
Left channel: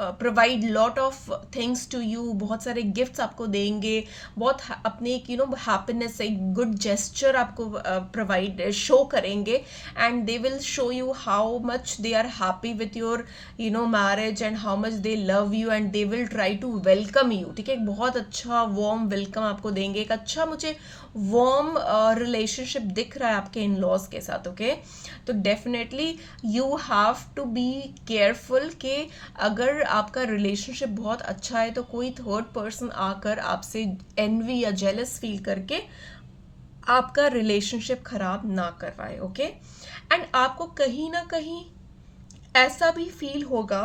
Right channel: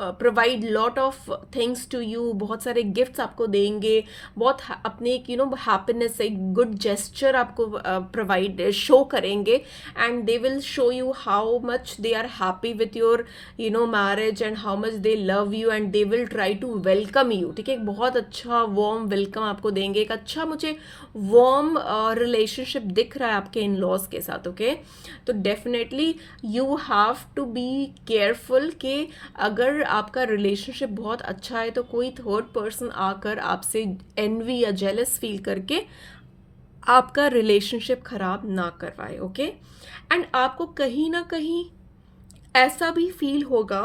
provide lot of things to you, बहुत सारे गिफ्ट्स आपको देंगे, बहुत अपने एक हैप्पीनेस, एक गुड जेस्चर आपको प्रोवाइड शो करेंगे, and they will show you how much they are happy with your marriage and how much they love you, and they will try to welcome you, ठीक है। एक बहुत अच्छा warm welcome आपको देंगे, एक अच्छा मुझे वार्म रिलेशनशिप दिख रहा है आपके इन लॉज के साथ, ओके। तो definitely you have to be careful कि अगर आपका रिलेशनशिप बहुत अच्छा है तो कोई थर्ड पर्सन आकर आपसे एनवी या जेलस फील करके आपका रिलेशनशिप खराब ना करवाए, ओके। एंड आपको कहीं ना कहीं ऐसा भी फील होगा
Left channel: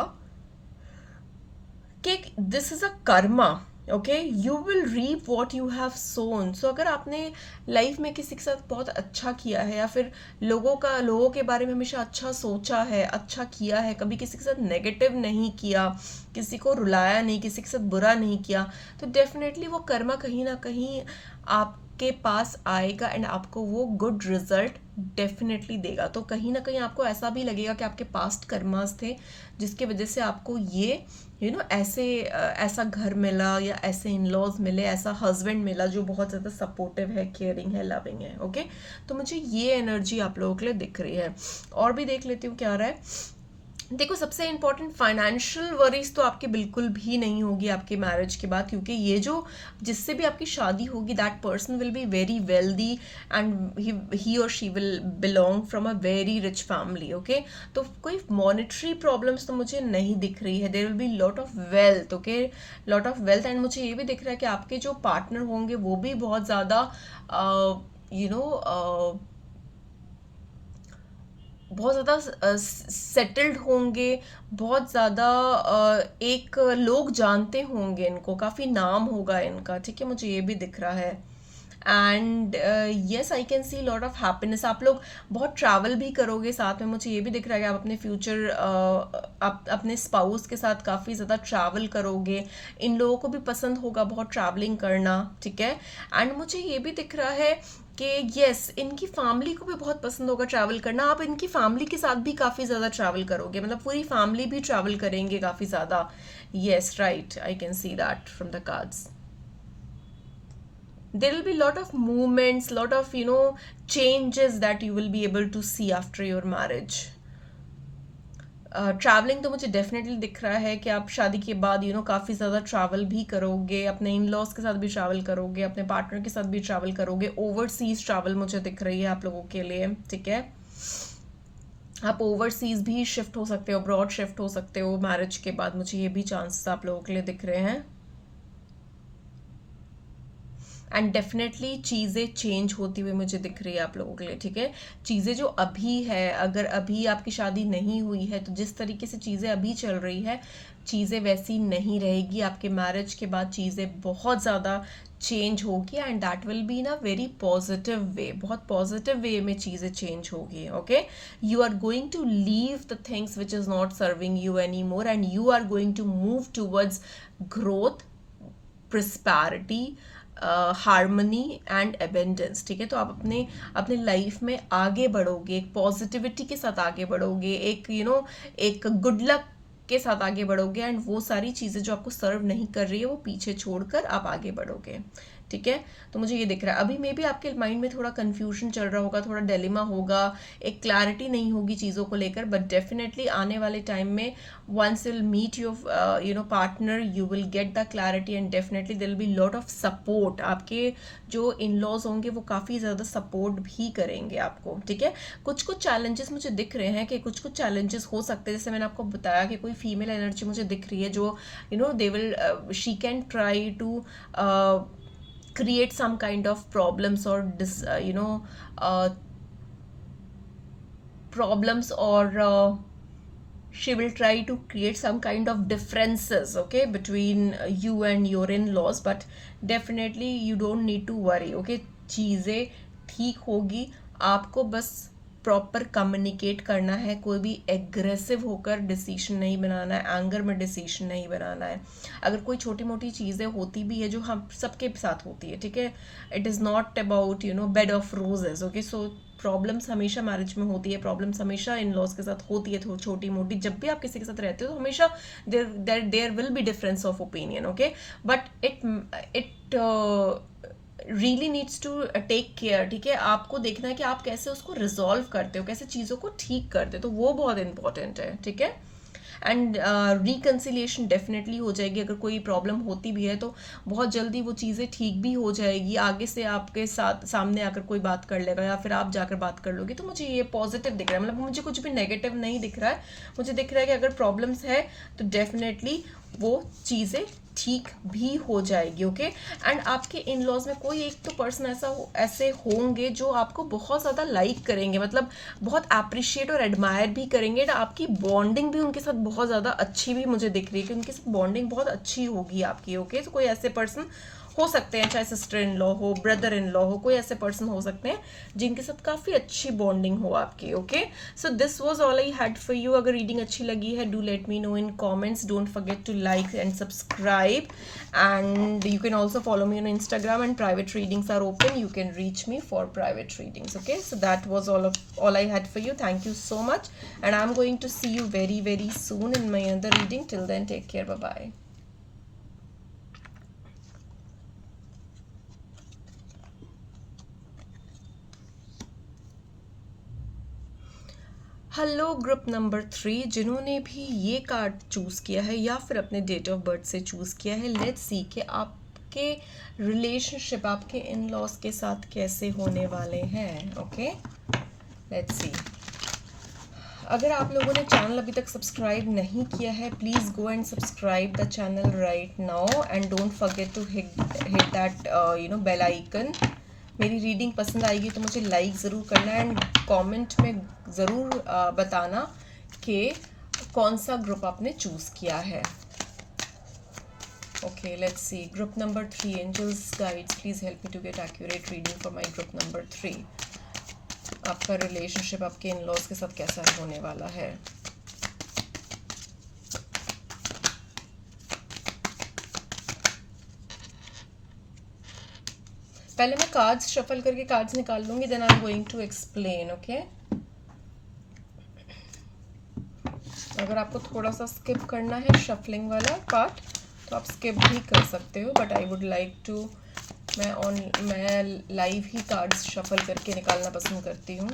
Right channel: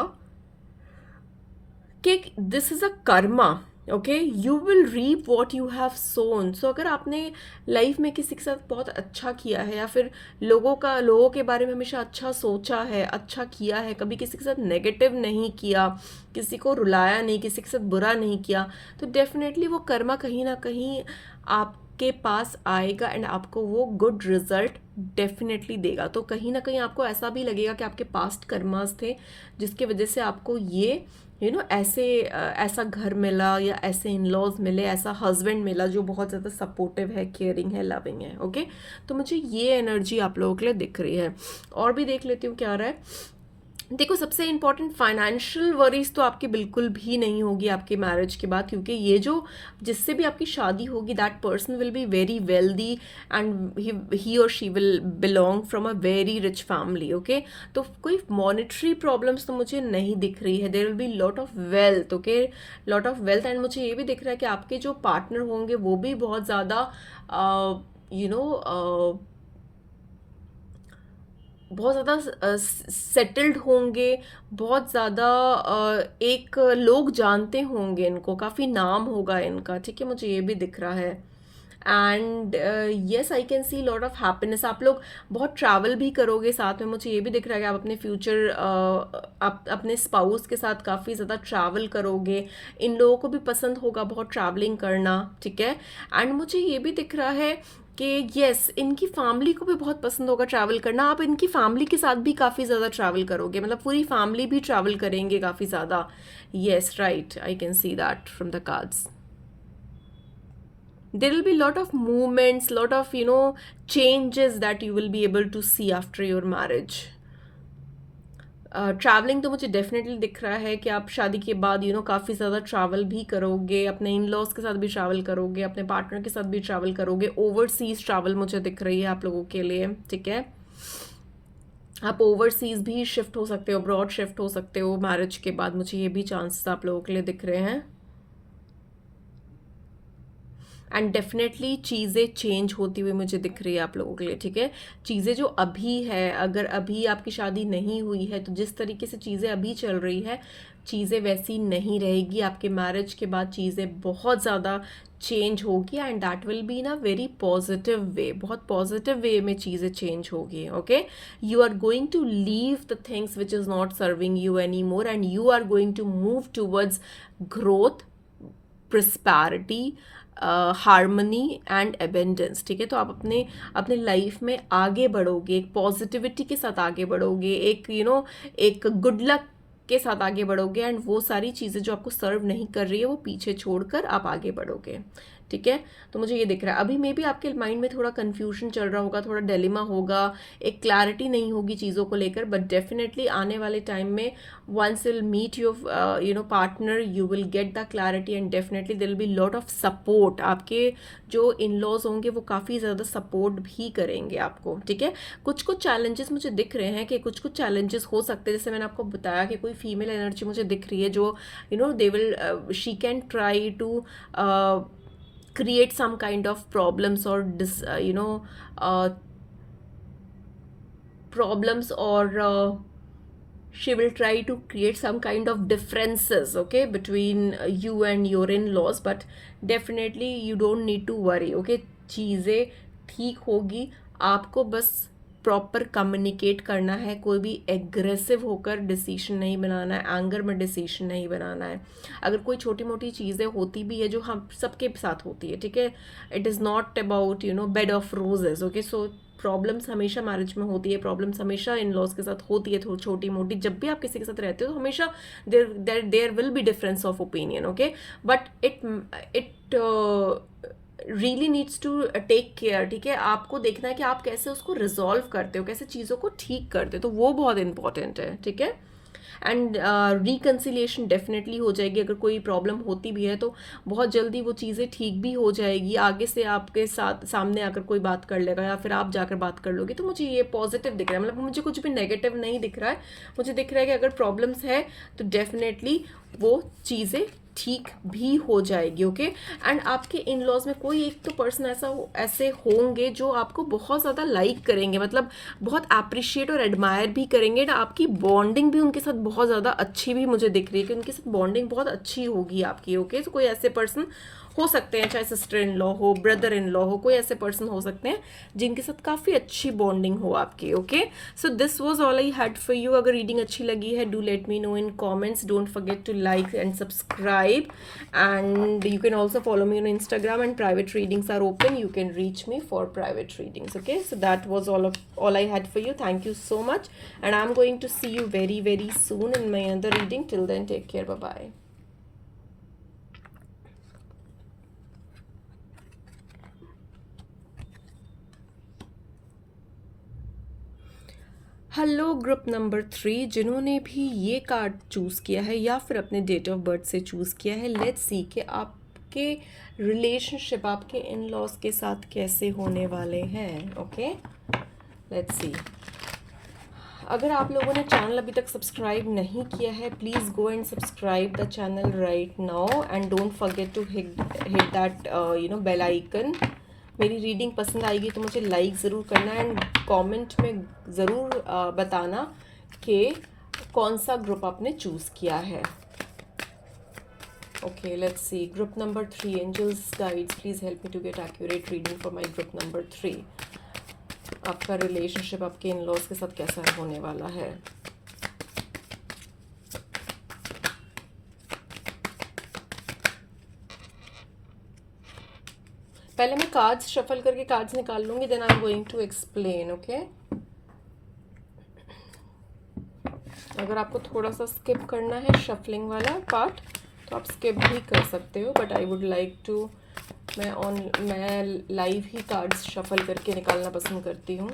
कि this is a karma, okay, you will reap what you have sown. So अगर आपने लाइफ में किसी के साथ बहुत अच्छा किया है, या फिर लोगों के बारे में हमेशा अच्छा सोचा है, अच्छा किया है, कभी किसी के साथ नेगेटिव नहीं किया, किसी को रुलाया नहीं, किसी के साथ बुरा नहीं किया, तो डेफिनेटली वो कर्मा कहीं ना कहीं आपके पास आएगा एंड आपको वो गुड रिजल्ट डेफिनेटली देगा। तो कहीं ना कहीं आपको ऐसा भी लगेगा कि आपके पास्ट कर्मास थे जिसकी वजह से आपको ये ऐसा घर मिला, या ऐसे इन लॉज मिले, ऐसा हस्बैंड मिला जो बहुत ज़्यादा सपोर्टिव है, केयरिंग है, लविंग है, ओके। तो मुझे ये एनर्जी आप लोगों के लिए दिख रही है। और भी देख लेती हूँ क्या आ रहा है। देखो, सबसे इम्पोर्टेंट फाइनेंशियल वरीज तो आपके बिल्कुल भी नहीं होगी आपके मैरिज के बाद, क्योंकि ये जो जिससे भी आपकी शादी होगी that person will be very wealthy and he और she will belong from a very rich family, okay. तो कोई मॉनेटरी प्रॉब्लम्स तो मुझे नहीं दिख रही है, there will be lot of wealth, okay, lot of wealth. And मुझे ये भी दिख रहा है कि आपके जो पार्टनर होंगे वो भी बहुत ज़्यादा यू नो बहुत ज़्यादा सेटल्ड होंगे, बहुत ज़्यादा एक लोग जानते होंगे इनको, काफ़ी नाम होगा इनका, ठीक है, मुझे ये भी दिख रहा है। And yes, I can see lot of happiness. आप लोग बहुत ट्रैवल भी करोगे साथ में, मुझे ये भी दिख रहा है कि आप अपने फ्यूचर आप अपने स्पाउस के साथ काफ़ी ज़्यादा ट्रैवल करोगे। इन लोगों को भी पसंद होगा बहुत ट्रैवलिंग करना, ठीक है। एंड मुझे ये भी दिख रहा है कि यस, इनकी फैमिली को भी बहुत पसंद होगा ट्रैवल करना। आप इनकी फैमिली के साथ भी काफ़ी ज़्यादा ट्रैवल करोगे, मतलब पूरी फैमिली भी ट्रैवल करेंगे काफ़ी ज़्यादा। Yes, right, I can see that from the cards. There will be lot of movements, lot of changes that you will be able to see after your marriage. Travelling तो मुझे definitely दिख रहा है कि आप शादी के बाद काफ़ी ज़्यादा ट्रैवल भी करोगे, अपने इन लॉज के साथ भी ट्रैवल करोगे, अपने पार्टनर के साथ भी ट्रैवल करोगे। ओवरसीज ट्रैवल मुझे दिख रही है आप लोगों के लिए, ठीक है। आप ओवरसीज भी शिफ्ट हो सकते हो, अब्रॉड शिफ्ट हो सकते हो मैरिज के बाद, मुझे ये भी चांसेस आप लोगों के लिए दिख रहे हैं। एंड डेफिनेटली चीज़ें चेंज होती हुई मुझे दिख रही है आप लोगों के लिए, ठीक है। चीज़ें जो अभी है, अगर अभी आपकी शादी नहीं हुई है तो जिस तरीके से चीज़ें अभी चल रही है, चीज़ें वैसी नहीं रहेगी। आपके मैरिज के बाद चीज़ें बहुत ज़्यादा चेंज होगी and that will be in a very positive way, बहुत पॉजिटिव वे में चीज़ें चेंज होगी, okay. You are going to leave the things which is not serving you any more and you are going to move towards growth, prosperity, harmony and abundance, ठीक है। तो आप अपने अपने लाइफ में आगे बढ़ोगे, एक पॉजिटिविटी के साथ आगे बढ़ोगे, एक एक गुड लक के साथ आगे बढ़ोगे एंड वो सारी चीज़ें जो आपको सर्व नहीं कर रही है वो पीछे छोड़कर आप आगे बढ़ोगे, ठीक है। तो मुझे ये दिख रहा है। अभी मे बी आपके माइंड में थोड़ा कन्फ्यूजन चल रहा होगा, थोड़ा डिलेमा होगा, एक क्लैरिटी नहीं होगी चीज़ों को लेकर, बट डेफिनेटली आने वाले टाइम में once you'll meet your partner, you will get the clarity and definitely there will be lot of support। आपके जो इन लॉज होंगे वो काफ़ी ज़्यादा सपोर्ट भी करेंगे आपको, ठीक है। कुछ कुछ चैलेंजेस मुझे दिख रहे हैं कि कुछ कुछ चैलेंजेस हो सकते हैं, जैसे मैंने आपको बताया कि कोई फीमेल एनर्जी मुझे दिख रही है जो they will she can try to create some kind of problems or problems, or she will try to create some kind of differences, okay, between you and your in-laws, but definitely you don't need to worry, okay। चीज़ें ठीक होगी, आपको बस proper communicate करना है, कोई भी aggressive होकर डिसीजन नहीं बनाना है, एंगर में डिसीजन नहीं बनाना है। अगर कोई छोटी मोटी चीज़ें होती भी है जो हम सबके साथ होती है, ठीक है, it is not about bed of roses, okay. So problems हमेशा मैरिज में होती है, प्रॉब्लम्स हमेशा इन लॉज के साथ होती है, छोटी मोटी। जब भी आप किसी के साथ रहते हो तो हमेशा there will be difference of opinion, okay, but it really needs to take care, ठीक है। आपको देखना है कि आप कैसे उसको रिजॉल्व करते हो, कैसे चीज़ों को ठीक करते हो, तो वो बहुत इंपॉर्टेंट है, ठीक है। एंड रिकन्सिलिएशन डेफिनेटली हो जाएगी। अगर कोई प्रॉब्लम होती भी है तो बहुत जल्दी वो चीज़ें ठीक भी हो जाएगी, आगे से आपके साथ सामने आकर कोई बात कर लेगा या फिर आप जाकर बात कर लोगे। तो मुझे ये पॉजिटिव दिख रहा है, मतलब मुझे कुछ भी नेगेटिव नहीं दिख रहा है। मुझे दिख रहा है कि अगर प्रॉब्लम्स है तो डेफिनेटली वो चीज़ें ठीक भी हो जाएगी, ओके। एंड आपके इन लॉज में कोई एक तो पर्सन ऐसे होंगे जो आपको बहुत ज़्यादा लाइक करेंगे, मतलब बहुत अप्रिशिएट और एडमायर भी करेंगे। आपकी बॉन्डिंग भी उनके साथ बहुत ज़्यादा अच्छी भी मुझे दिख रही है कि उनके साथ बॉन्डिंग बहुत अच्छी होगी आपकी, ओके। तो कोई ऐसे पर्सन हो सकते हैं, चाहे सिस्टर इन लॉ हो, ब्रदर इन लॉ हो, कोई ऐसे पर्सन हो सकते हैं जिनके साथ काफ़ी अच्छी बॉन्डिंग हो आपकी, okay. So this was all I had for you. अगर रीडिंग अच्छी लगी है, do let me know in comments, don't forget to like and subscribe, and you can also follow me on Instagram, and private readings are open. You can reach me for private readings, okay. So that was all I had for you. Thank you so much, and I'm going to see you very very soon in my another reading. Till then, take care. Bye bye. Hello group number 3, जिन्होंने भी ये card choose किया है या फिर अपने date of birth से choose किया है, लेट्स सी कि आपके रिलेशनशिप आपके इन लॉज के साथ कैसे होने वाले हैं. ओके, लेट्स सी. अगर आप लोगों ने चैनल अभी तक सब्सक्राइब नहीं किया है, please go and subscribe the channel right now and don't forget to hit that bell icon. मेरी रीडिंग पसंद आएगी तो मुझे लाइक ज़रूर करना एंड कमेंट में ज़रूर बताना कि कौन सा ग्रुप आपने चूज़ किया है. Okay, let's see. Group number 3, angels guides, please help me to get accurate reading for my group number 3. आपका रिलेशनशिप आपके इन लॉज के साथ कैसा होने वाला है. पहले मैं कार्ड्स शफल करके कार्ड्स निकाल लूंगी, then I am going to explain. Okay, अगर आपको थोड़ा सा स्किप करना है शफलिंग वाला पार्ट तो आप स्किप भी कर सकते हो, but I would like to, मैं लाइव ही कार्ड्स शफल करके निकालना पसंद करती हूँ.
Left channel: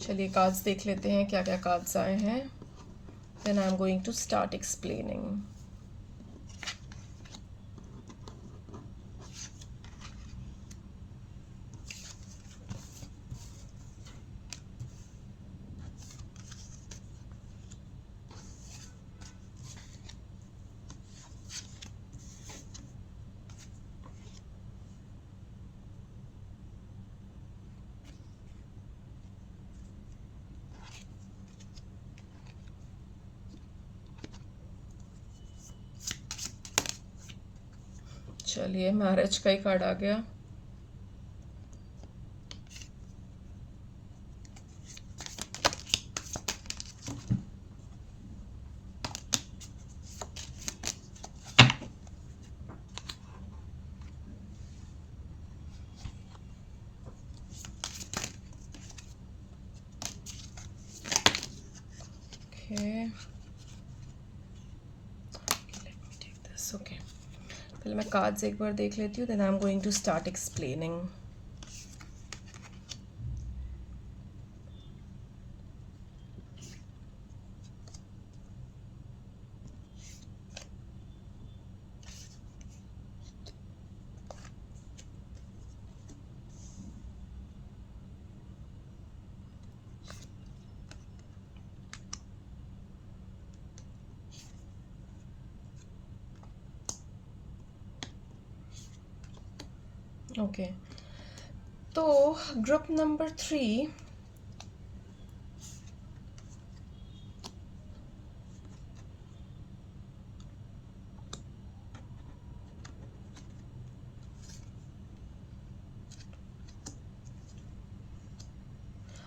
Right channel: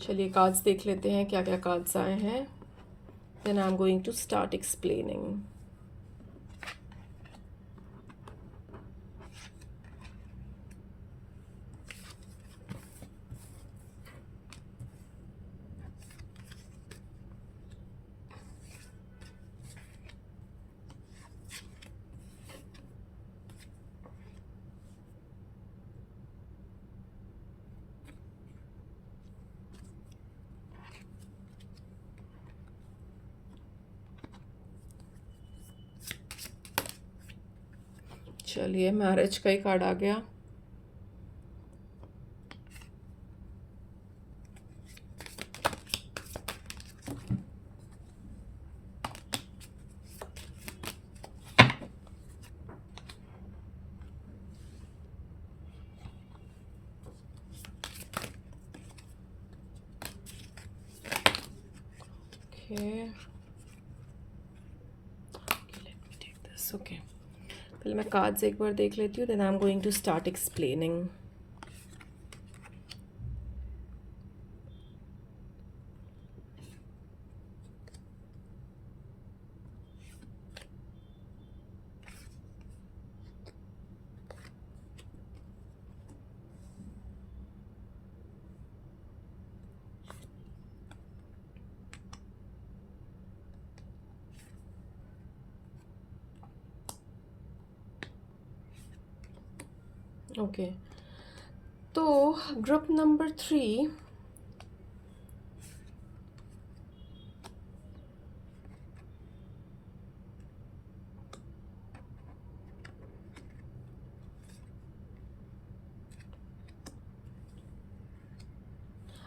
चलिए कार्ड्स देख लेते हैं क्या क्या कार्ड्स आए हैं, then I am going to start explaining. चलिए मैरिज का ही कार्ड आ गया. Okay. Let me take this. Okay. पहले मैं कार्ड्स एक बार देख लेती हूँ, then I am going to start explaining. Okay, तो ग्रुप नंबर 3,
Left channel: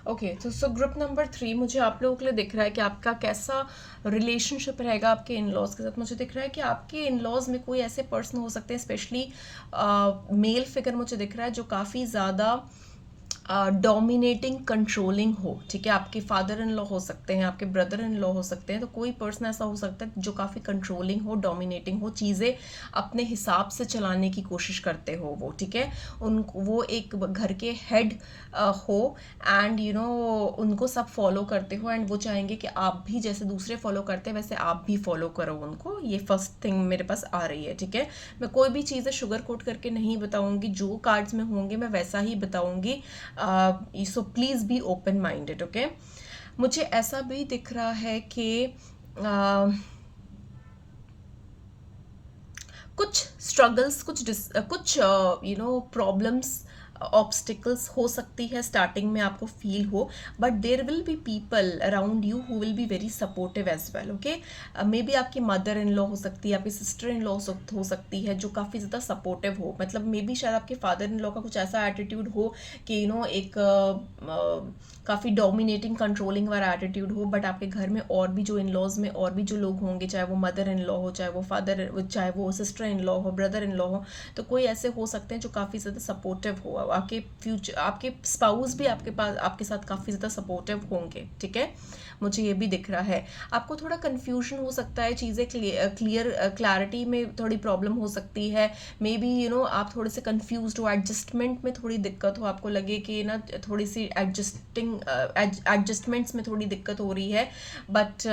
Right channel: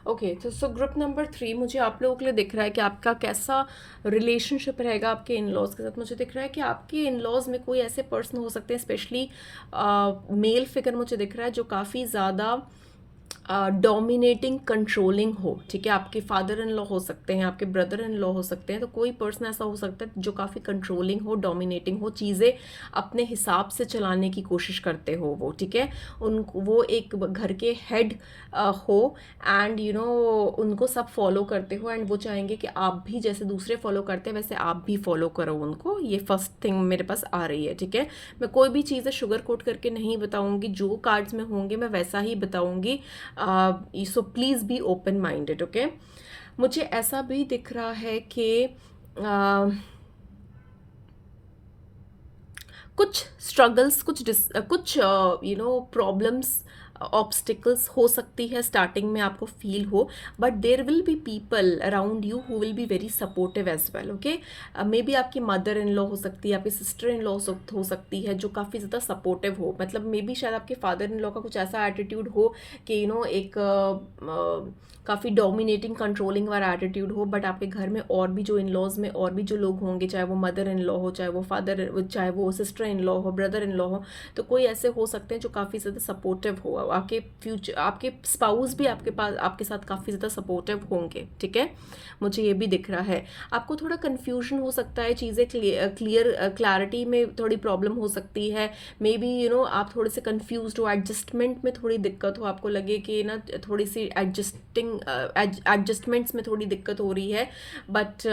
ओके, तो सो ग्रुप नंबर 3 मुझे आप लोगों के लिए दिख रहा है कि आपका कैसा रिलेशनशिप रहेगा आपके इन लॉज के साथ. मुझे दिख रहा है कि आपके इन लॉज में कोई ऐसे पर्सन हो सकते हैं, स्पेशली मेल फिगर मुझे दिख रहा है जो काफ़ी ज़्यादा डोमिनेटिंग कंट्रोलिंग हो. ठीक है, आपके फादर इन लॉ हो सकते हैं, आपके ब्रदर इन लॉ हो सकते हैं, तो कोई पर्सन ऐसा हो सकता है जो काफ़ी कंट्रोलिंग हो, डोमिनेटिंग हो, चीज़ें अपने हिसाब से चलाने की कोशिश करते हो वो. ठीक है, वो एक घर के हेड हो एंड उनको सब फॉलो करते हो एंड वो चाहेंगे कि आप भी जैसे दूसरे फॉलो करते हैं वैसे आप भी फॉलो करो उनको. ये फर्स्ट थिंग मेरे पास आ रही है. ठीक है, मैं कोई भी चीज़ें शुगर कोट करके नहीं बताऊंगी, जो कार्ड्स में होंगे मैं वैसा ही बताऊंगी. सो please be open minded. Okay, मुझे ऐसा भी दिख रहा है कि कुछ स्ट्रगल्स, कुछ प्रॉब्लम्स, ऑब्स्टिकल्स हो सकती है स्टार्टिंग में आपको फील हो, but there will be people around you who will be very supportive as well. Okay, maybe आपकी मदर इन लॉ हो सकती है, आपकी सिस्टर इन लॉ हो सकती है जो काफ़ी ज़्यादा सपोर्टिव हो. मतलब मे बी शायद आपके फादर इन लॉ का कुछ ऐसा एटीट्यूड हो कि एक काफ़ी डोमिनेटिंग कंट्रोलिंग वाला एटीट्यूड हो, बट आपके घर में और भी जो इन लॉज में और भी जो लोग होंगे, चाहे वो मदर इन लॉ हो, चाहे वो फादर, चाहे वो सिस्टर इन लॉ हो, ब्रदर इन लॉ हो, तो कोई ऐसे हो सकते हैं जो काफ़ी ज़्यादा सपोर्टिव हो। आपके फ्यूचर, आपके स्पाउस भी आपके पास आपके साथ काफ़ी ज़्यादा सपोर्टिव होंगे, ठीक है, मुझे ये भी दिख रहा है। आपको थोड़ा कन्फ्यूजन हो सकता है, चीज़ें क्लैरिटी में थोड़ी प्रॉब्लम हो सकती है, मे बी आप थोड़े से कन्फ्यूज हो, एडजस्टमेंट में थोड़ी दिक्कत हो, आपको लगे कि ना थोड़ी सी एडजस्टमेंट्स में थोड़ी दिक्कत हो रही है, but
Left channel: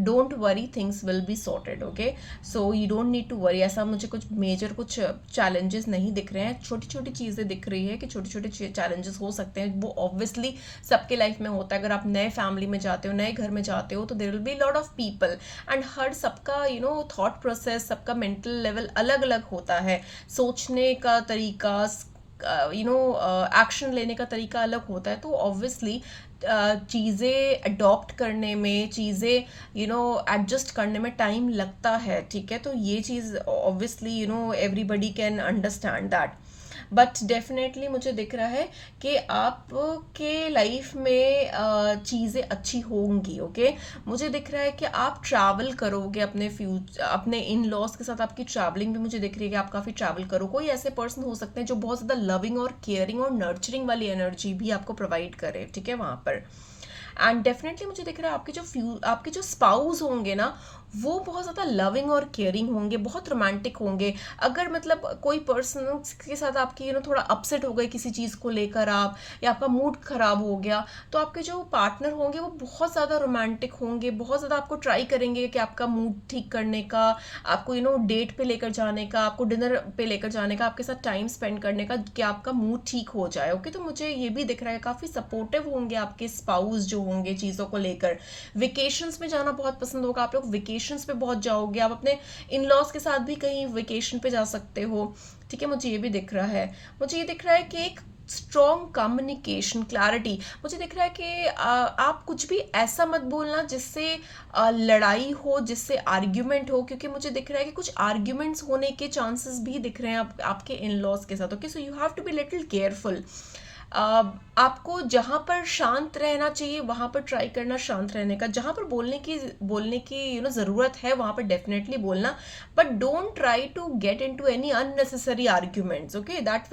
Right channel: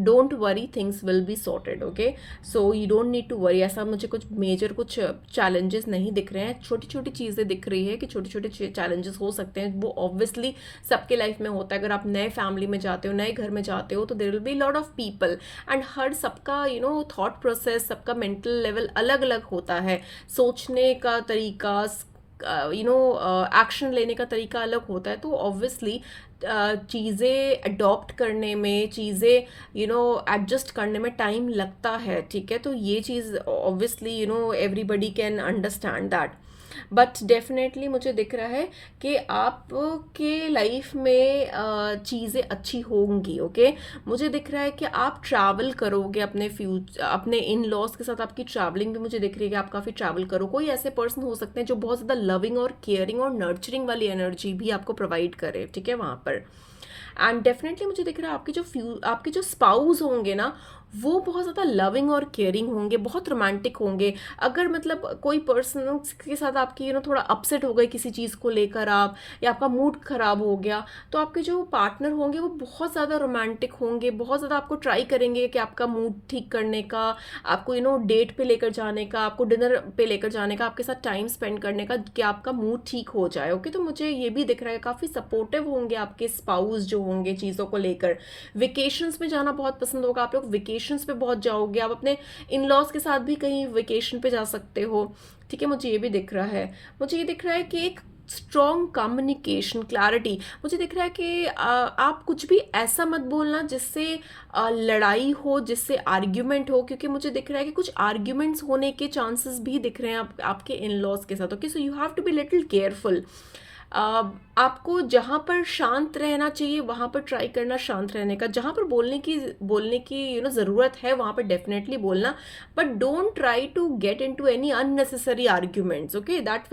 don't worry, things will be sorted, okay. So you don't need to worry. ऐसा मुझे कुछ मेजर कुछ चैलेंजेस नहीं दिख रहे हैं, छोटी छोटी चीज़ें दिख रही है कि छोटे छोटे चैलेंजेस हो सकते हैं, वो ऑब्वियसली सबके लाइफ में होता है। अगर आप नए फैमिली में जाते हो, नए घर में जाते हो, तो there will be lot of people, and हर सबका थॉट प्रोसेस, सबका मेंटल लेवल अलग अलग होता है, सोचने का तरीका, एक्शन लेने का तरीका अलग होता है। तो ऑब्वियसली चीज़ें अडॉप्ट करने में, चीज़ें एडजस्ट करने में टाइम लगता है, ठीक है। तो ये चीज़ obviously everybody can understand that, but definitely मुझे दिख रहा है कि आपके लाइफ में चीज़ें अच्छी होंगी, ओके। मुझे दिख रहा है कि आप ट्रैवल करोगे अपने इन लॉज के साथ, आपकी ट्रैवलिंग भी मुझे दिख रही है कि आप काफ़ी ट्रैवल करो। कोई ऐसे पर्सन हो सकते हैं जो बहुत ज़्यादा लविंग और केयरिंग और नर्चरिंग वाली एनर्जी भी आपको प्रोवाइड करे, ठीक है, वहाँ पर। एंड डेफिनेटली मुझे दिख रहा है आपके जो स्पाउस होंगे ना, वो बहुत ज़्यादा लविंग और केयरिंग होंगे, बहुत रोमांटिक होंगे। अगर मतलब कोई पर्सन के साथ आपकी थोड़ा अपसेट हो गई किसी चीज़ को लेकर आप, या आपका मूड ख़राब हो गया, तो आपके जो पार्टनर होंगे वो बहुत ज़्यादा रोमांटिक होंगे, बहुत ज़्यादा आपको ट्राई करेंगे कि आपका मूड ठीक करने का, आपको डेट पे लेकर जाने का, आपको डिनर पे लेकर जाने का, आपके साथ टाइम स्पेंड करने का, कि आपका मूड ठीक हो जाए, ओके। तो मुझे ये भी दिख रहा है काफ़ी सपोर्टिव होंगे आपके स्पाउस जो होंगे चीज़ों को लेकर। वेकेशंस में जाना बहुत पसंद होगा, आप लोग वेकेशंस पे बहुत जाओगे, आप अपने इन लॉज के साथ भी कहीं वेकेशन पे जा सकते हो, ठीक है। मुझे ये भी दिख रहा है, मुझे ये दिख रहा है कि एक स्ट्रॉन्ग कम्युनिकेशन, क्लैरिटी। मुझे दिख रहा है कि आप कुछ भी ऐसा मत बोलना जिससे लड़ाई हो, जिससे आर्ग्यूमेंट हो, क्योंकि मुझे दिख रहा है कि कुछ आर्ग्यूमेंट्स होने के चांसेस भी दिख रहे हैं आपके इन लॉज के साथ, okay. So you have to be little careful. आपको जहाँ पर शांत रहना चाहिए वहाँ पर ट्राई करना शांत रहने का, जहाँ पर बोलने की ज़रूरत है वहाँ पर डेफिनेटली बोलना, but don't try to get into any unnecessary arguments, okay. That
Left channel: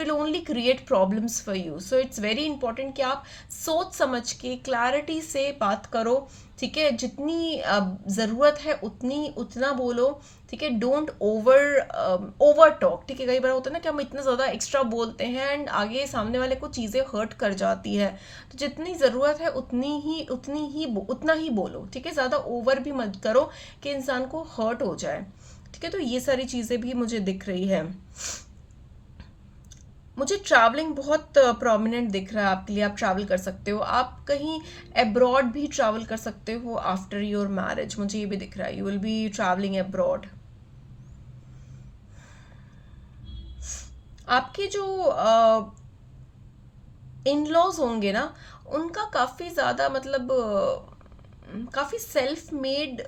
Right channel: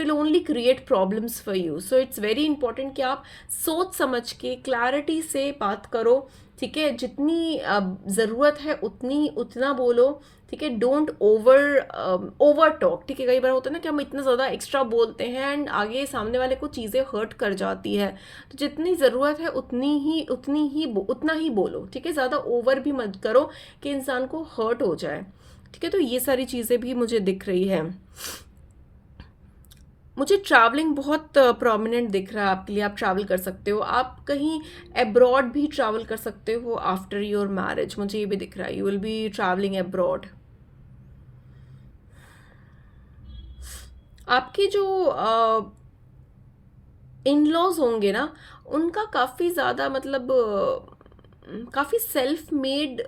will only create problems for you. So it's very important कि आप सोच समझ के क्लैरिटी से बात करो, ठीक है। जितनी ज़रूरत है उतना बोलो, ठीक है। डोंट ओवर टॉक, ठीक है। कई बार होता है ना कि हम इतना ज़्यादा एक्स्ट्रा बोलते हैं एंड आगे सामने वाले को चीज़ें हर्ट कर जाती है। तो जितनी ज़रूरत है उतना ही बोलो, ठीक है। ज़्यादा ओवर भी मत करो कि इंसान को हर्ट हो जाए, ठीक है। तो ये सारी चीज़ें भी मुझे दिख रही है। मुझे ट्रैवलिंग बहुत प्रोमिनेंट दिख रहा है आपके लिए, आप ट्रैवल कर सकते हो, आप कहीं अब्रॉड भी ट्रैवल कर सकते हो आफ्टर योर मैरिज, मुझे ये भी दिख रहा है, you will be travelling abroad. आपके जो इन लॉज होंगे ना, उनका काफ़ी ज़्यादा मतलब काफ़ी सेल्फ मेड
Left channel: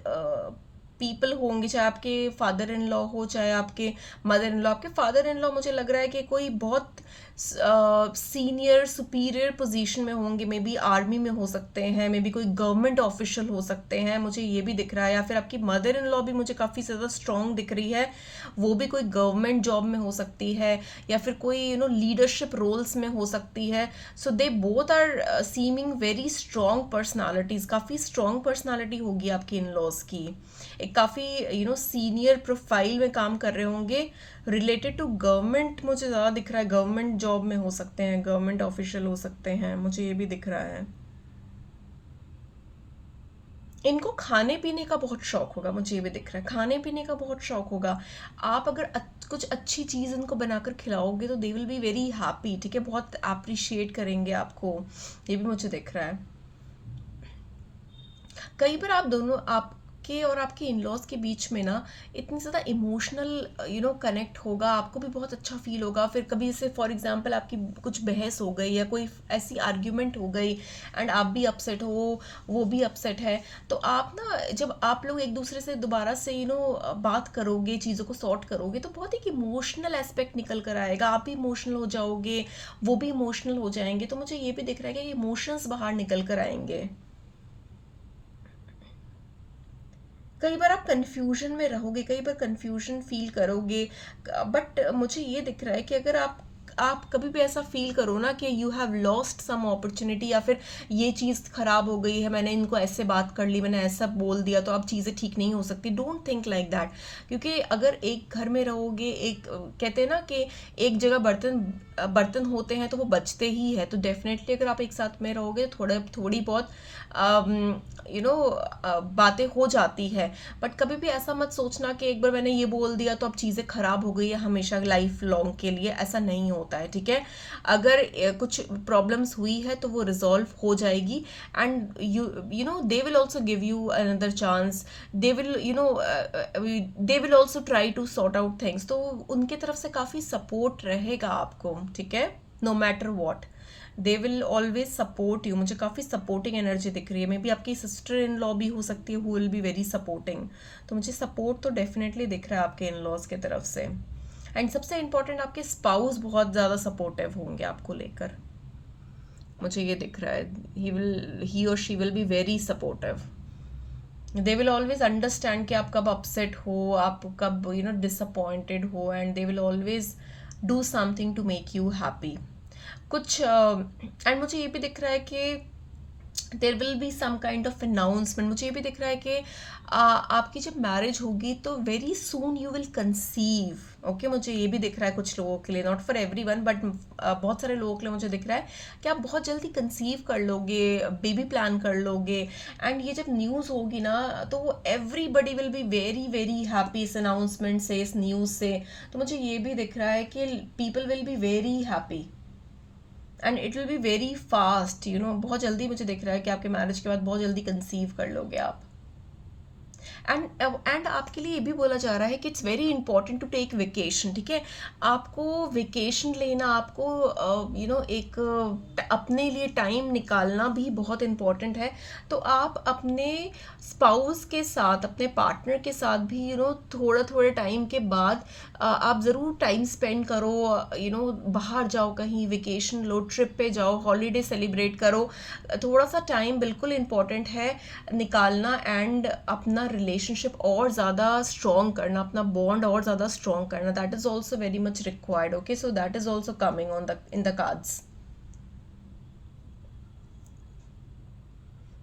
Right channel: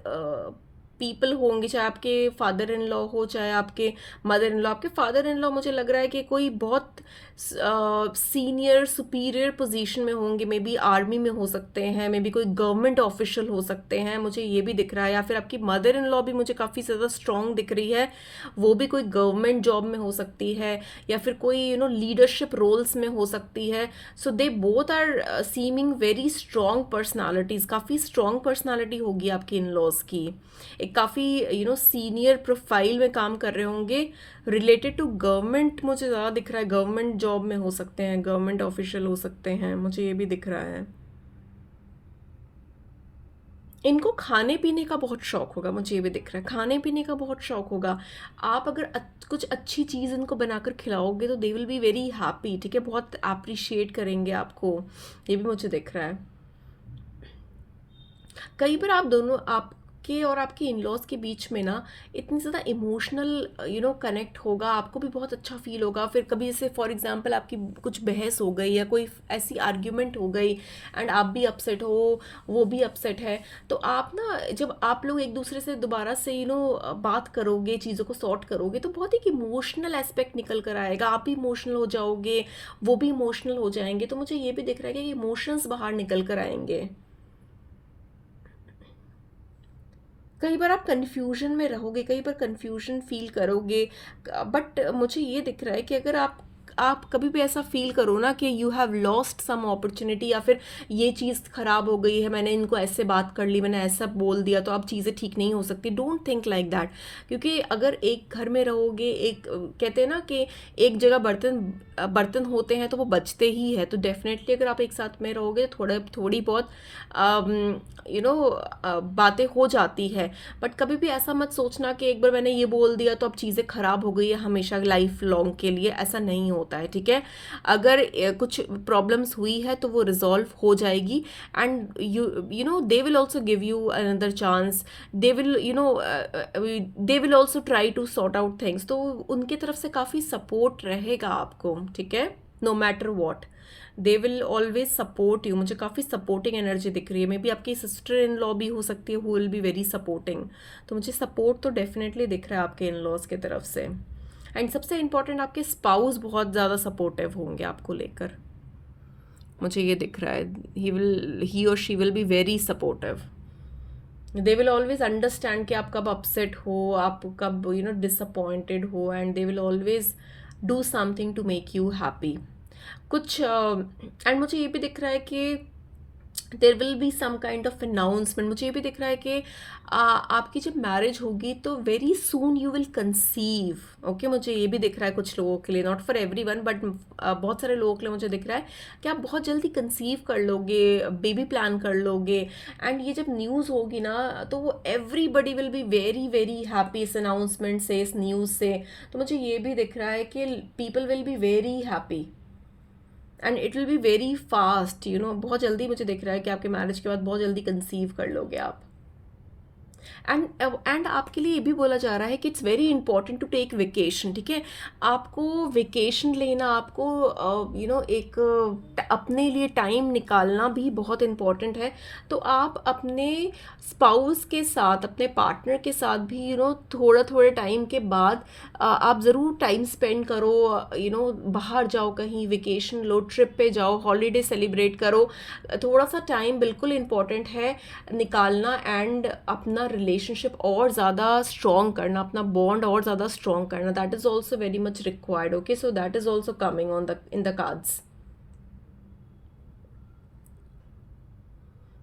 पीपल होंगे, चाहे आपके फादर इन लॉ हो, चाहे आपके मदर इन लॉ। आपके फादर इन लॉ मुझे लग रहा है कि कोई बहुत सीनियर सुपीरियर पोजीशन में होंगे, मे बी आर्मी में हो सकते हैं, मे बी कोई गवर्नमेंट ऑफिशियल हो सकते हैं, मुझे ये भी दिख रहा है। या फिर आपकी मदर इन लॉ भी मुझे काफ़ी ज़्यादा स्ट्रॉन्ग दिख रही है, वो भी कोई गवर्नमेंट जॉब में हो सकती है, या फिर कोई लीडरशिप रोल्स में हो सकती है। So they both are seeming very strong personalities, काफ़ी स्ट्रॉन्ग पर्सनालिटी होगी आपकी इन लॉज की, एक काफ़ी सीनियर प्रोफाइल में काम कर रहे होंगे, रिलेटेड टू गवर्नमेंट मुझे ज़्यादा दिख रहा है, गवर्नमेंट जॉब में हो सकते हैं, गवर्नमेंट ऑफिशियल हो सकते हैं, मुझे ये भी दिख रहा है। इनको खाने पीने का बहुत शौक होगा, मुझे ये भी दिख रहा है, खाने पीने का बहुत शौक होगा। आप अगर कुछ अच्छी चीज़ इनको बनाकर खिलाओगे तो they will be very happy, ठीक है, बहुत अप्रिशिएट करेंगे आपको, ये भी मुझे दिख रहा है। कई बार आपके आपके और आपके इन लॉज के बीच में ना इतनी ज़्यादा इमोशनल कनेक्ट होगा, आपको भी बहुत अच्छा फील होगा। फिर कभी जैसे फॉर एग्जांपल आपकी कुछ बहस हो गई या कोई ऐसी आर्ग्यूमेंट हो गई एंड आप भी अपसेट हो, वो भी अपसेट है, तो आप ना जब आप लोग एक दूसरे से दोबारा से बात करोगे, चीज़ों को सॉर्ट करोगे, तो बहुत एक इमोशनल एस्पेक्ट निकल कर आएगा। आप भी इमोशनल हो जाओगे, वो भी इमोशनल हो जाएंगे। तो मुझे ये भी दिख रहा है कि इमोशंस बाहर निकल कर आएंगे। कई बार आप कंफ्यूजन में रहोगे, कई बार कंफ्यूजन फील करोगे, बट मुझे ये दिख रहा है कि अगर आप कभी भी ऐसा फील करो ना कि you have lost some opportunity, या फिर ये चीज़ ख़राब हो गई है, मैंने इनको ऐसे बात कर ली, मैंने ऐसा बोल दिया, तो अब चीज़ें ठीक नहीं हो सकती, डोंट थिंक लाइक दैट। क्योंकि अगर एक घर में रहोगे, एक कहते हैं ना कि एक जगह बर्तन बर्तन होते हैं तो वो बचते ही है, तो डेफिनेटली अगर आप एक साथ में रहोगे तो थोड़ी बहुत बातें हो जाती है। बट कभी भी ऐसा मत सोचना कि एक बार मैंने ये बोल दिया तो अब चीज़ें ख़राब हो गई है हमेशा लाइफ लॉन्ग के लिए, ऐसा नहीं होता है, ठीक है। अगर कुछ प्रॉब्लम्स हुई है तो वो रिजॉल्व हो जाएगी, and you know they will also give you another chance, they will they will also try to sort out things. तो उनकी तरफ से काफ़ी सपोर्ट रहेगा आपको, ठीक है, no matter what, they will always support you. मुझे काफ़ी सपोर्टिंग एनर्जी दिख रही है। मे बी आपकी सिस्टर इन लॉ भी हो सकती है, who will be very supporting. तो मुझे सपोर्ट तो डेफिनेटली दिख रहा है आपके इन लॉज की तरफ से। एंड सबसे इम्पॉर्टेंट, आपके स्पाउस बहुत ज़्यादा सपोर्टिव होंगे आपको लेकर, मुझे ये दिख रहा है। ही और she will be very supportive. They will always understand कि आप कब अपसेट हो, आप कब डिसअपॉइंटेड हो, and they will always do something to make you happy. कुछ एंड मुझे ये भी दिख रहा है कि there will be some kind of announcement. मुझे ये भी दिख रहा है कि आपकी जब मैरिज होगी तो very soon you will conceive. Okay, मुझे ये भी दिख रहा है कुछ लोगों के लिए, not for every one, but बहुत सारे लोगों के लिए मुझे दिख रहा है कि आप बहुत जल्दी कंसीव कर लोगे, बेबी प्लान कर लोगे। एंड ये जब न्यूज़ होगी ना तो everybody will be very very happy इस अनाउंसमेंट से, इस न्यूज़ से। तो मुझे ये भी दिख रहा है कि people will be very happy and it will be very fast, बहुत जल्दी मुझे दिख रहा है कि आपके मैरिज के बाद बहुत जल्दी कंसीव कर लोगे आप। एंड आपके लिए ये भी बोला जा रहा है कि it's very important to take vacation, ठीक है। आपको वेकेशन लेना, आपको एक अपने लिए टाइम निकालना भी बहुत इम्पॉर्टेंट है। तो आप अपने स्पाउस के साथ, अपने पार्टनर के साथ भी थोड़ा थोड़े टाइम के बाद आप ज़रूर टाइम स्पेंड करो, बाहर जाओ, कहीं वेकेशन लो, ट्रिप पे जाओ, हॉलीडे सेलिब्रेट करो। थोड़ा सा टाइम बिल्कुल इम्पॉर्टेंट है निकालना, एंड अपना रिलेशनशिप और ज़्यादा स्ट्रॉन्ग करना, अपना बॉन्ड और ज़्यादा स्ट्रॉन्ग करना, that is also very much required. Okay, so that is also coming on the in the cards.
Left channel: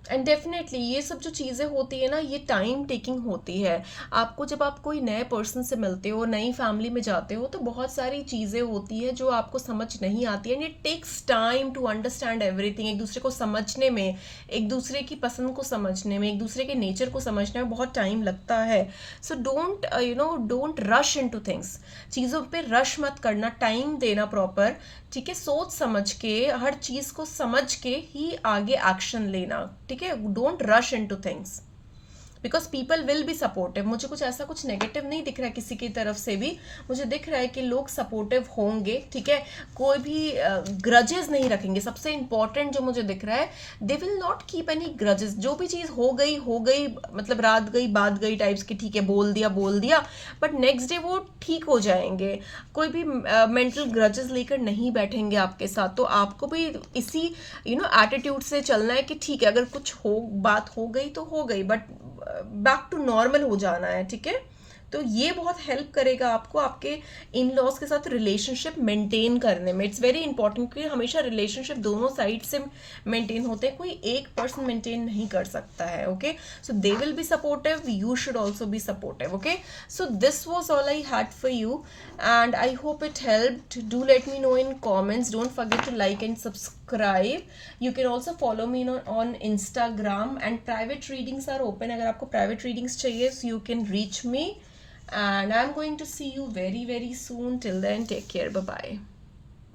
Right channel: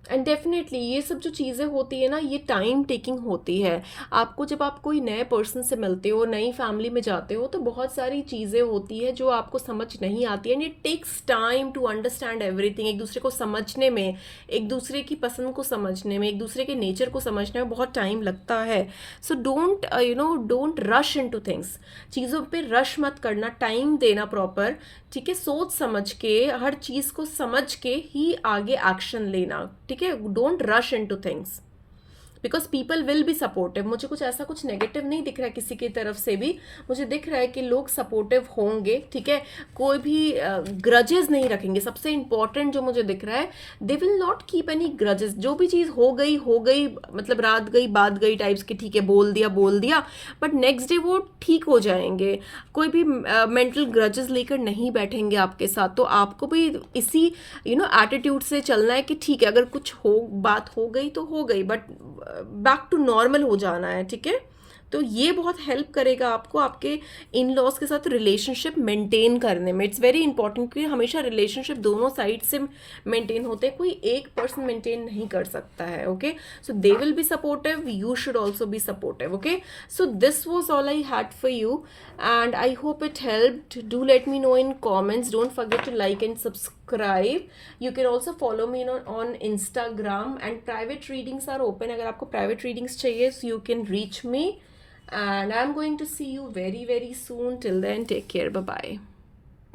And definitely ये सब जो चीज़ें होती है ना, ये टाइम टेकिंग होती है। आपको जब आप कोई नए पर्सन से मिलते हो, नई फैमिली में जाते हो, तो बहुत सारी चीज़ें होती है जो आपको समझ नहीं आती है, and it takes time to understand everything. एक दूसरे को समझने में, एक दूसरे की पसंद को समझने में, एक दूसरे के नेचर को समझने में बहुत टाइम लगता है। So don't rush into things. चीज़ों पे रश मत करना, टाइम देना प्रॉपर, ठीक है। सोच समझ के, हर चीज़ को समझ के ही आगे एक्शन लेना, ठीक है। Don't rush into things, because people will be supportive. मुझे कुछ ऐसा कुछ नेगेटिव नहीं दिख रहा है किसी की तरफ से भी, मुझे दिख रहा है कि लोग सपोर्टिव होंगे, ठीक है। कोई भी ग्रजेस नहीं रखेंगे। सबसे इंपॉर्टेंट जो मुझे दिख रहा है, they will not keep any grudges. जो भी चीज़ हो गई, मतलब रात गई बात गई टाइप्स की, ठीक है, बोल दिया, बट नेक्स्ट डे वो ठीक हो जाएंगे। कोई भी मेंटल ग्रजेस लेकर नहीं बैठेंगे आपके साथ। तो आपको भी इसी एटीट्यूड से चलना है कि ठीक है, अगर कुछ बात हो गई तो हो गई, बट बैक टू नॉर्मल हो जाना है, ठीक है। तो ये बहुत हेल्प करेगा आपको आपके इन लॉज के साथ रिलेशनशिप मेंटेन करने में। इट्स वेरी इंपॉर्टेंट, क्योंकि हमेशा रिलेशनशिप दोनों साइड से मेंटेन होते हैं, कोई एक पर्सन मेंटेन नहीं कर सकता है। Okay, so they will be supportive, you should also be supportive. Okay, so this was all I had for you, and I hope it helped. Do let me know in comments. Don't forget to like and subscribe. You can also follow me on Instagram, and private readings are open. अगर आपको private readings चाहिए, so you can reach me, and I'm going to see you very very soon. Till then, take care. Bye bye.